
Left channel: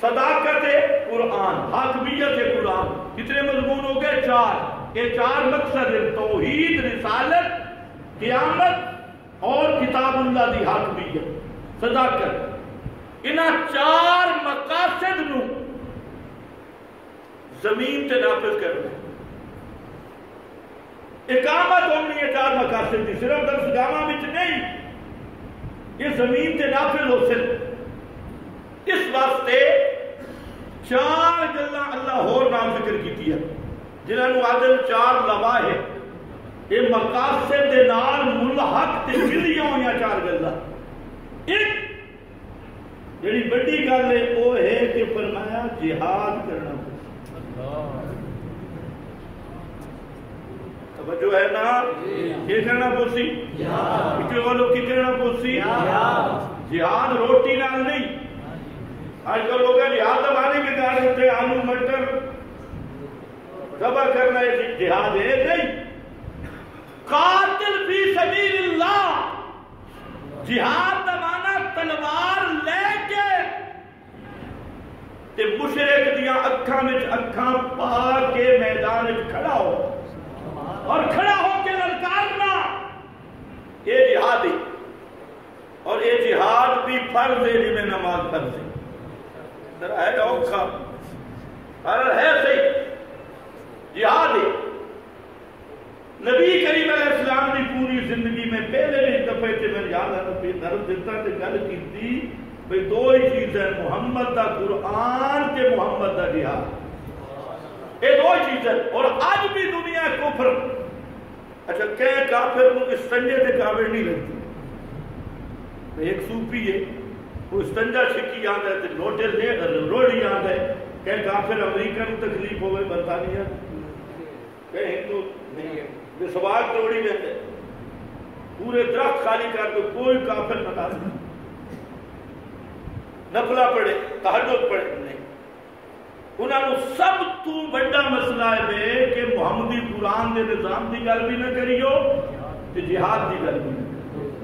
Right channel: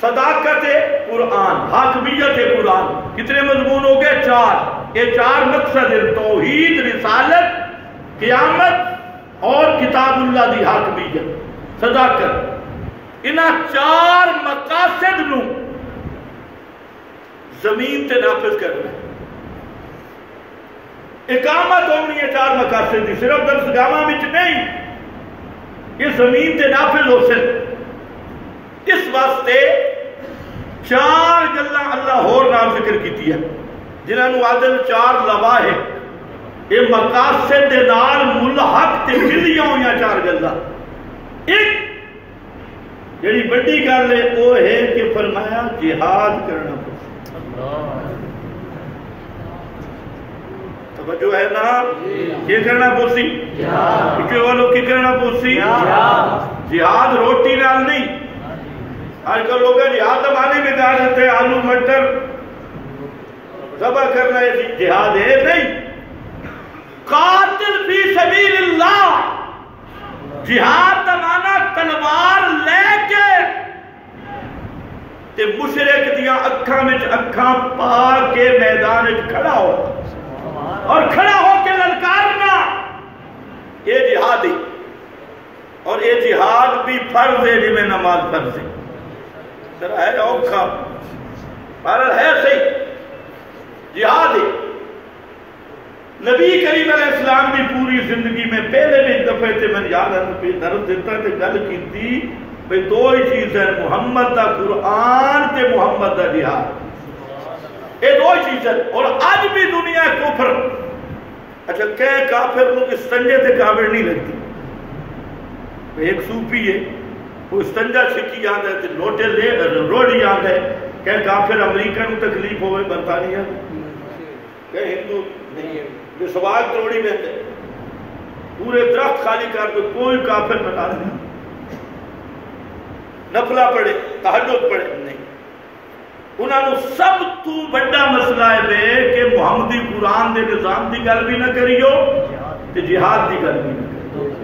صداقت قرآن حاکمیت قرآن کتنے مضمون ہو گئے 4 یہ 4 مقصد ہیں توحید رسالت قیامت اور کتاب اللہ دی حاکمیت صداقت انہاں 4 مقاصد نو زمین تے نافذ کرنا ہے اقامت ہونی ہے 4 مقاصد دی صرف درس گاواں وچ نہیں یہ زمین تے نافذ ہو سکے اس واسطے 4 گلاں اللہ اور نام ذکر کیتی ہے جنہاں نو عادل 4 لواحق ہے یہ مقاصد دے نال ملحق تے ملیاں ہویاں 4 گلاں ایک جڑی بڑی گل ہے وہ ہے کہ فرمایا جہاد کرنا جو ہے نا یہ کرنا پوسی کہ وہ لوگ کی کرنا پوسی جہاد روٹی نال نہیں آج کل لوگ جہاد زمانے میں کہا دیتے ہیں آلو مٹر ذبح کرنا ہے جہاد ہے نہیں قاتل فی سبیل اللہ جہاد زمانہ تلوار لے کے تے مشرک دیاں اکھاں میں اکھاں پا کے میدان کھڑا ہو اور کھڑا ہو کے للکارنا یہ جہاد ہے اور یہ جہاد بھی فرض ہے جی میں نماز فرض ہے ذرا ہے اوکھا پر ہے صحیح جہاد ہے نبی کریم علیہ السلام کی پوری زندگی میں پہلے بھی ایک دفعہ تے میں یاد ہے درد دیتا کہ گل کی تھی بھئی 2 ہی چیزیں محمد دا قرآن تے محمد دا جہاد یہ 2 چیزیں اور آج بھی دنیا کفر اچھا کہیں کافر کو استنجے تے کافر نہیں لگتی ایک صوفی ہے وہ استنجا چھکی آندا ہے تے لوٹے لے روڑی آندا ہے کہیں کافر امریکہ نو تکلیف ہوئے برطانیہ کہیں ہندو نہیں جو سواگ توڑی میں ہے پورے درخت خالی کر کے کوئی کافر ناراض نہیں نفلہ پڑھے تہجد پڑھے نہیں انہاں نو سب تو بڑا مسئلہ ہے بے کہ محمدی قرآن دے نظام دی گل بھی نہ کریو تے جہاد دی گل بھی نہ کریو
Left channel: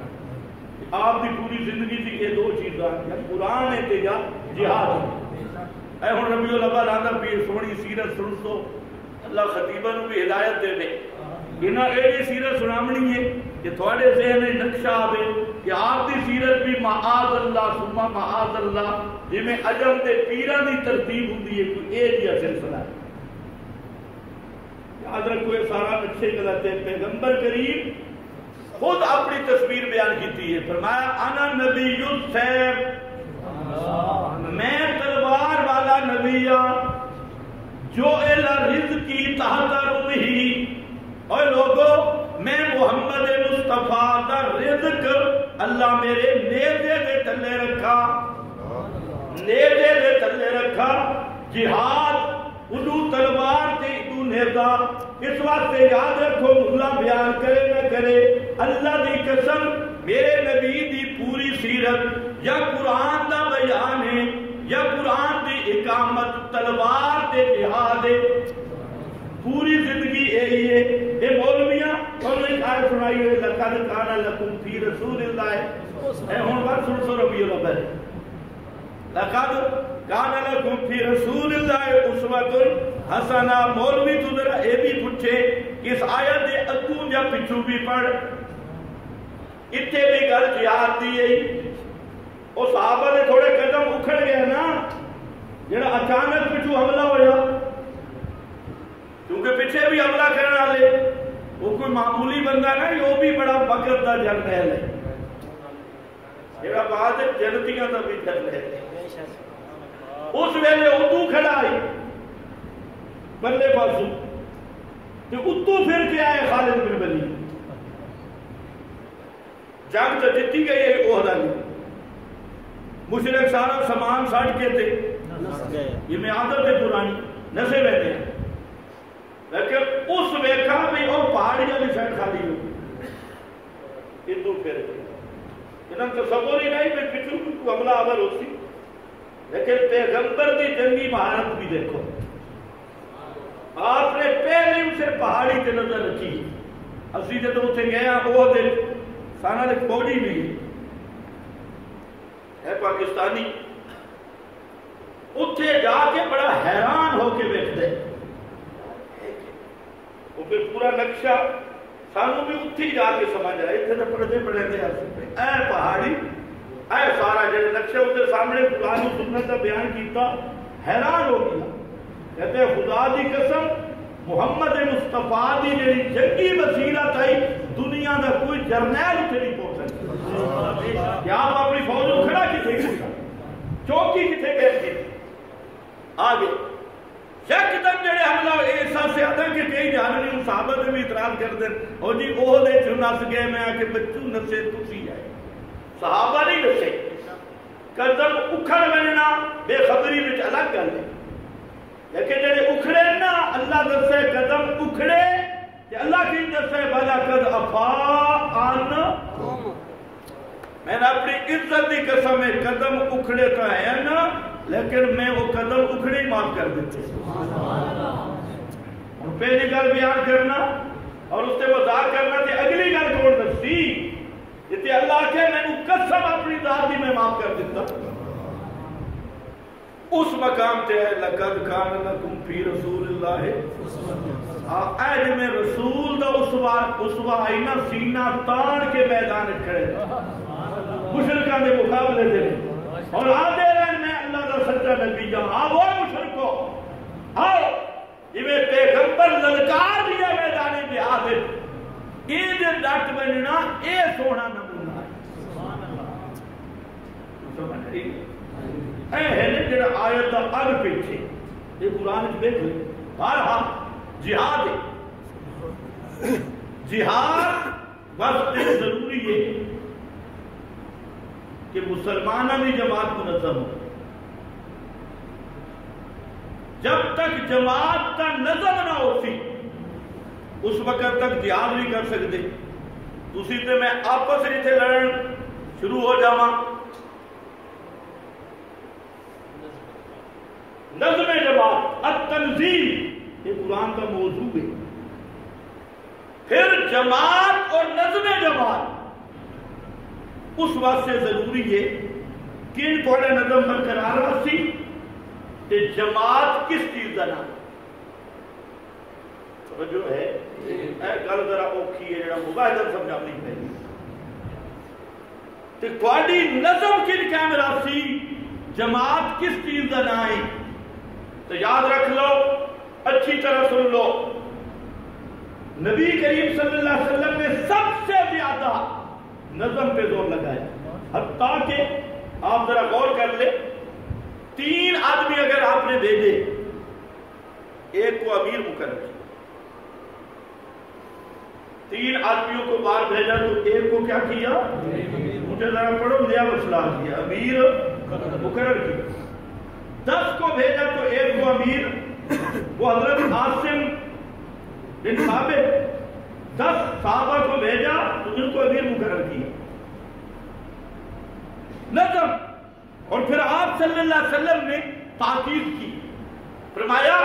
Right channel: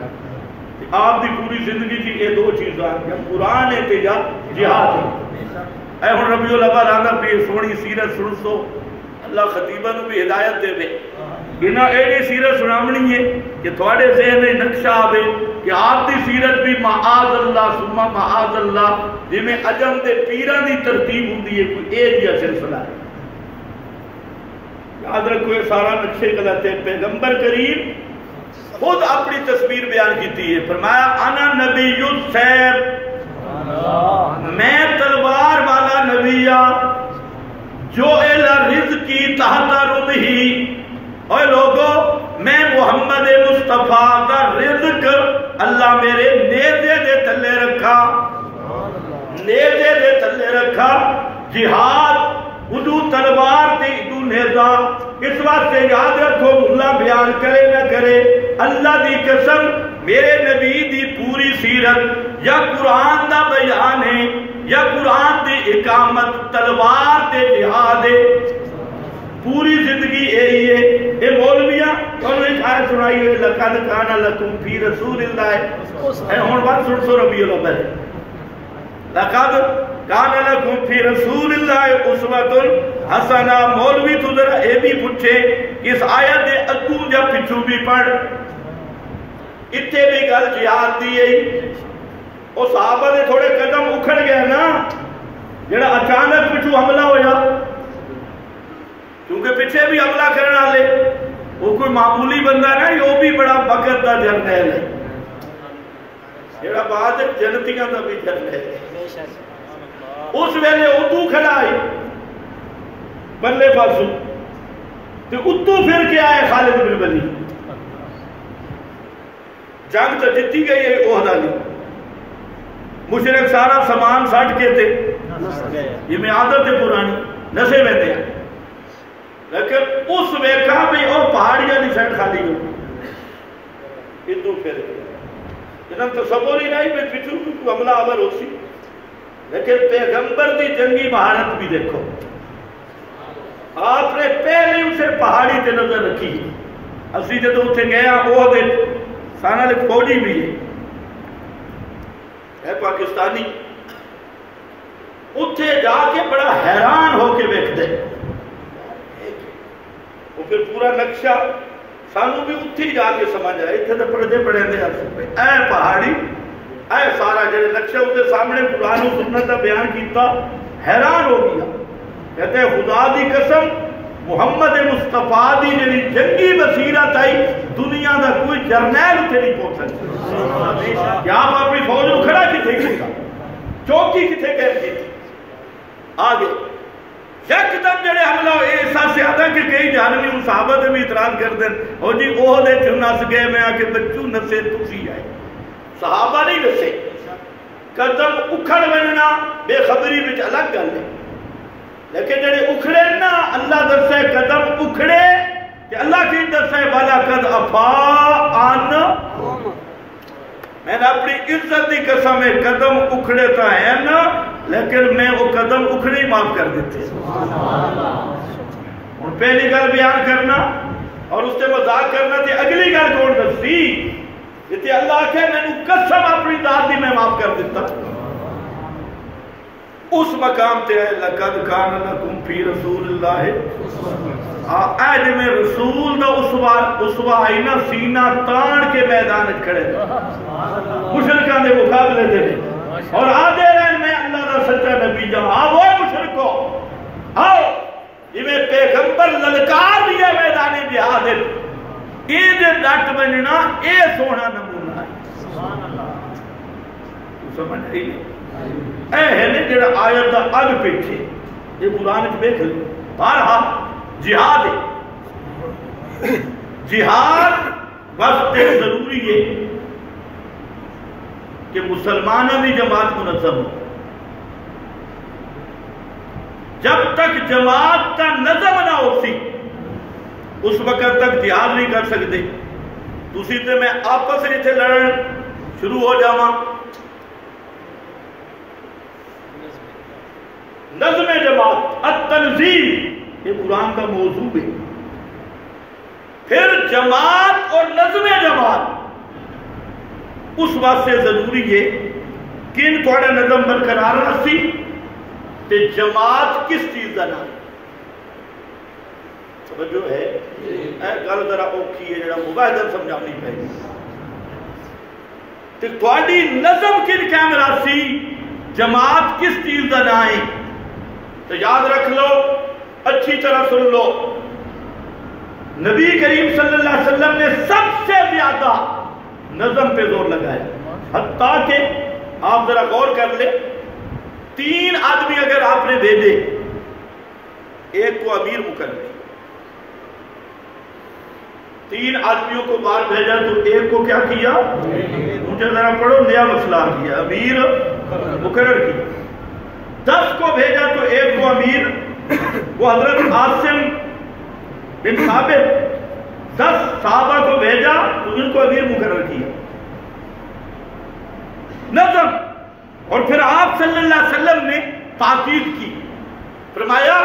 آپ دی پوری زندگی تھی یہ 2 چیزاں یا قرآن ہے تے یا جہاد ہے اے ہن ربیع الاول آندا پی سونی سیرت سن سو اللہ خطیبہ نو بھی ہدایت دے دے انہاں ایڈی سیرت سنامنی ہے کہ تھوڑے ذہن میں نقشہ آوے کہ آپ دی سیرت بھی معاذ اللہ ثم معاذ اللہ جی میں عجم دے پیران دی ترتیب ہوندی ہے کوئی ایک یا سلسلہ ہے یاد رکھو یہ سارا نقشے غلط ہے پیغمبر کریم خود اپنی تصویر بیان کیتی ہے فرمایا انا نبی السیف میں تلوار والا نبیہ جو الا رزقی تحت رمحی اے لوگو میں محمد مصطفیٰ کا رزق اللہ میرے نیزے دے تلے رکھا نیزے دے تلے رکھا جہاد ادو تلوار تے ادو نیزہ اس واسطے یاد رکھو اللہ بیان کرے نہ کرے اللہ دی قسم میرے نبی دی پوری سیرت یا قرآن دا بیان ہے یا قرآن دی اقامت تلوار تے جہاد ہے پوری زندگی یہی ہے یہ مولویاں اور ایک آیت سنائی ہے لقد کان لکم فی رسول اللہ اے ہن بات سن سو ربیع الاول لقد کان لکم فی رسول اللہ اسوۃ حسنہ مولوی تو ذرا اے بھی پوچھے اس آیت دے اگوں یا پچھوں بھی پڑھ اتنے بھی گل جہاد دی ہے وہ صحابہ دے تھوڑے قدم اکھڑ گئے نا جڑا اچانک پچھو حملہ ہویا کیونکہ پیچھے بھی حملہ کرنے والے وہ کوئی معمولی بندہ نہیں وہ بھی بڑا وقت دا جرنیل ہے جڑا بعد جنتیاں دا بھی جرنیل ہے اس ویلے ادو کھڑا آئی بلے بازو تو ادو پھر کے آئے خالد بن ولید جنگ تو جتی گئی ہے عہدہ لی مشرک سارا سامان سٹ کے تھے یہ میں عادت ہے پرانی نسے ویندے ہیں لیکن اس ویکھا بھی اور پہاڑیاں نہیں سیٹ خالی ہو ادو پھر جنہاں تصور ہی نہیں میں پچھو کوئی حملہ آور ہو سی، لیکن پیغمبر دی جنگی مہارت بھی دیکھو. آپ نے پہلے اسے پہاڑی تے نظر رکھی. اسی جدو اتنے گئے وہ دے سانا لکھ فوجی بھی ہے پاکستانی، اتنے جا کے بڑا حیران ہو کے ویکھ دے. وہ پھر پورا نقشہ سانو بھی اتھی جا کے سمجھ آئے. اتنے تو پڑھتے پڑھتے اے پہاڑی اے سارا جڑے نقشہ اتنے سامنے قرآن و سنت کا بیان کیتا، حیران ہو گیا. کہتے ہیں خدا دی قسم محمد مصطفیٰ دی جڑی جنگی بصیرت آئی دنیا دا کوئی جرنیل اتنے نہیں پہنچ سکتا. کیا آپ اپنی فوج کو کھڑا کتنے کیتا، چوکی کتنے قائم کی تھی. آگے یکدم جڑے حملہ احساس آتا کہ کئی جانبی ان صحابہ دے بھی اعتراض کر دیں او جی اوہ دے چھو نس گئے میں آکے بچو نسے تسی آئے. صحابہ نہیں نسے، قدم اکھڑ بننا بے خبری بچ الگ گل ہے. لیکن جڑے اکھڑے نا اللہ درسے قدم اکھڑے کہ اللہ کی درسے والا قد افا آن. میں نے اپنی عزت دی قسم ہے قدم اکھڑے تا ہے نا، لیکن میں وہ قدم اکھڑے ہی معاف کر دیتے. اور پہلی گل بیان کرنا اور اس سے مذاق کرنا تھی اگلی گل کون دسی جتے اللہ کے میں نے قسم اپنی ذات دی میں معاف کر دیتا. اس مقام تے ہے لقد کان لکم فی رسول اللہ آج میں رسول دا اسوہ آئینہ سینہ تان کے میدان کھڑے مشرکان دے مقابلے دے اور آدھے رہن میں اللہ دا سچا نبی جاؤں. آؤ مشرکو آؤ یہ پیغمبر للکار دیا میدان جہاد یہ دے ڈٹ بننا اے سونا نمونہ ہے. تو سمجھ رہی نہیں اے ہے نے جڑا آیت دا اگ پیچھے یہ قرآن میں بیٹھ لیں. بارہا جہاد ہے، جہاد وقت ضروری ہے کہ مسلمانوں کی جماعت منظم ہو. جب تک جماعت کا نظم نہ ہو سی اس وقت تک جہاد نہیں کر سکتے. دوسری تے میں آپس میں تھے لڑن شروع ہو جاواں. نظم جماعت التنظیم یہ قرآن کا موضوع ہے. پھر جماعت اور نظم جماعت اس واسطے ضروری ہے کہ ان تھوڑا نظم برقرار رسی تے جماعت کس چیز کا نام توجہ ہے. اے گل ذرا اوکھی ہے جڑا مباحثہ سمجھانی پے تے تھوڑی نظم کن قائم راسی جماعت کس چیز کا نام ہے. تو یاد رکھ لو اچھی طرح سن لو نبی کریم صلی اللہ علیہ وسلم نے سب سے زیادہ نظم پہ زور لگایا. حتیٰ کہ آپ ذرا غور کر لیں 3 آدمی اگر آپ نے بھیجے ایک کو امیر مقرر 3 آدمیوں کو باہر بھیجا تو ایک کو کیا کیا مجھے ذرا پڑھو نیا مسئلہ کیا امیر مقرر کیا. 10 کو بھیجا تو ایک کو امیر وہ حضرت عاصم بن ثابت 10 صحابہ کو بھیجا تو ان کو امیر مقرر کیا. نظم. اور پھر آپ صلی اللہ علیہ وسلم نے تاکید کی فرمایا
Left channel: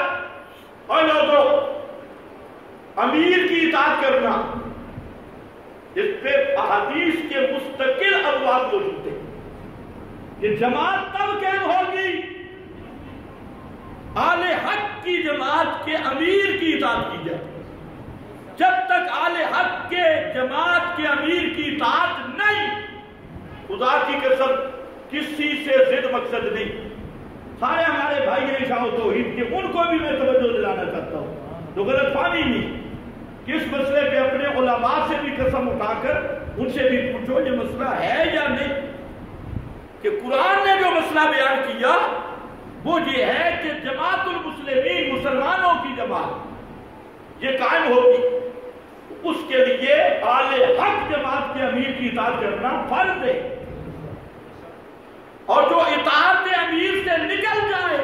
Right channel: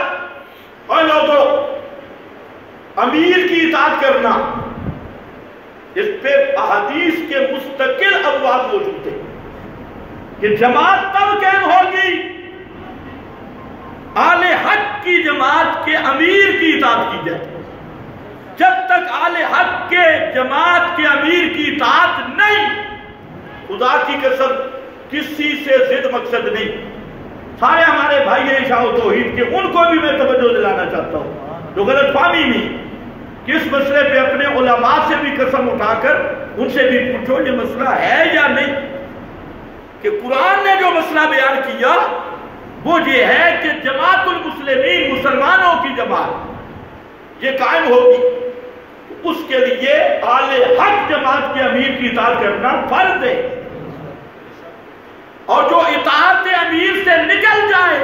اے لوگو امیر کی اطاعت کرنا. اس پہ احادیث کے مستقل ابواب موجود ہیں کہ جماعت تب قائم ہوگی آل حق کی جماعت کے امیر کی اطاعت کی جائے. جب تک آل حق کے جماعت کے امیر کی اطاعت نہیں خدا کی قسم کسی سے ضد مقصد نہیں. سارے ہمارے بھائی ہیں شاہ و توحید کے ان کو بھی میں توجہ دلانا چاہتا ہوں جو غلط فہمی نہیں کہ اس مسئلے پہ اپنے علماء سے بھی قسم اٹھا کر ان سے بھی پوچھو یہ مسئلہ ہے یا نہیں کہ قرآن نے جو مسئلہ بیان کیا وہ یہ ہے کہ جماعت المسلمین مسلمانوں کی جماعت یہ قائم ہوگی. اس کے لیے آل حق جماعت کے امیر کی اطاعت کرنا فرض ہے. اور جو اطاعت امیر سے نکل جائے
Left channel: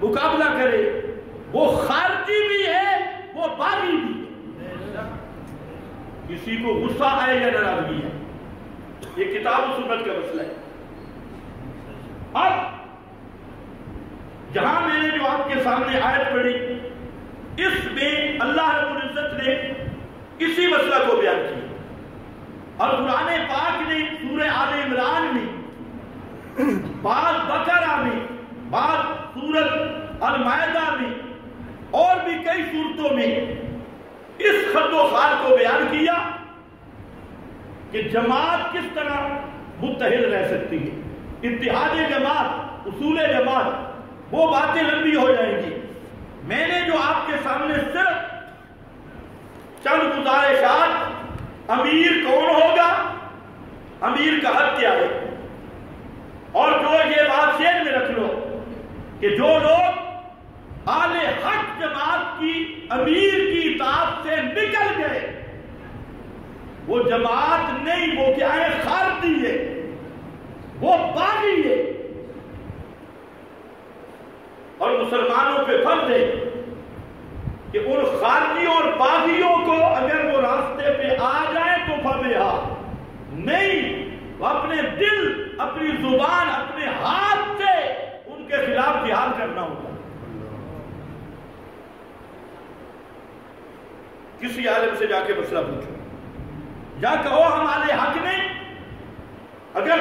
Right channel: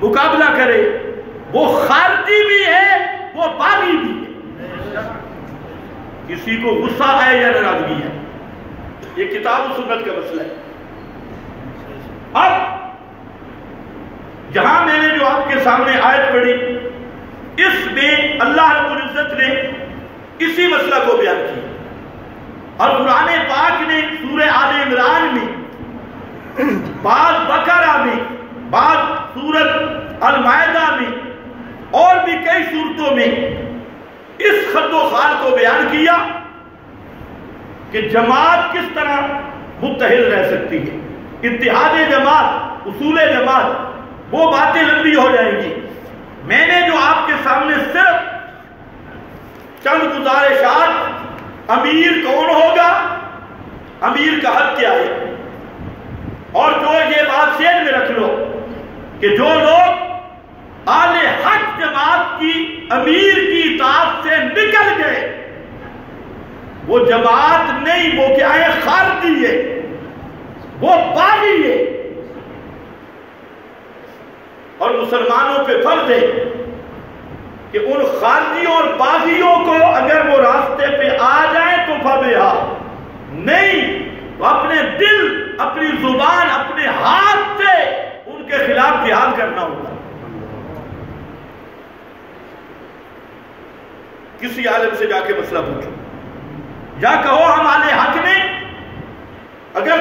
مقابلہ کرے وہ خارجی بھی ہے وہ باغی بھی ہے. کسی کو غصہ آئے یا ناراضگی ہے، یہ کتاب و سنت کا مسئلہ ہے۔ اب جہاں میں نے جو آپ کے سامنے آیت پڑھی، اس میں اللہ رب العزت نے اسی مسئلہ کو بیان کیا، اور قرآن پاک نے سورہ آل عمران میں، بعض بقرہ میں، بعض سورۃ المائدہ میں، اور بھی کئی صورتوں میں اس خط و خال کو بیان کیا کہ جماعت کس طرح متحد رہ سکتی ہے۔ اتحاد جماعت، اصول جماعت، وہ باتیں لمبی ہو جائیں گی۔ میں نے جو آپ کے سامنے صرف چند گزارشات، امیر کون ہوگا، امیر کا حق کیا ہے، اور جو یہ بات ذہن میں رکھ لو کہ جو لوگ اہل حق جماعت کی امیر کی اطاعت سے نکل گئے، وہ جماعت نہیں، وہ کیا ہے، خارجی ہے، وہ باغی ہے۔ اور مسلمانوں پہ فرض ہے کہ ان خارجیوں اور باغیوں کو اگر وہ راستے پہ آ جائیں تو فبہا، نہیں تو اپنے دل، اپنی زبان، اپنے ہاتھ سے ان کے خلاف جہاد کرنا ہوگا۔ کسی عالم سے جا کے مسئلہ پوچھو، یا کہو ہم اہل حق نے، اگر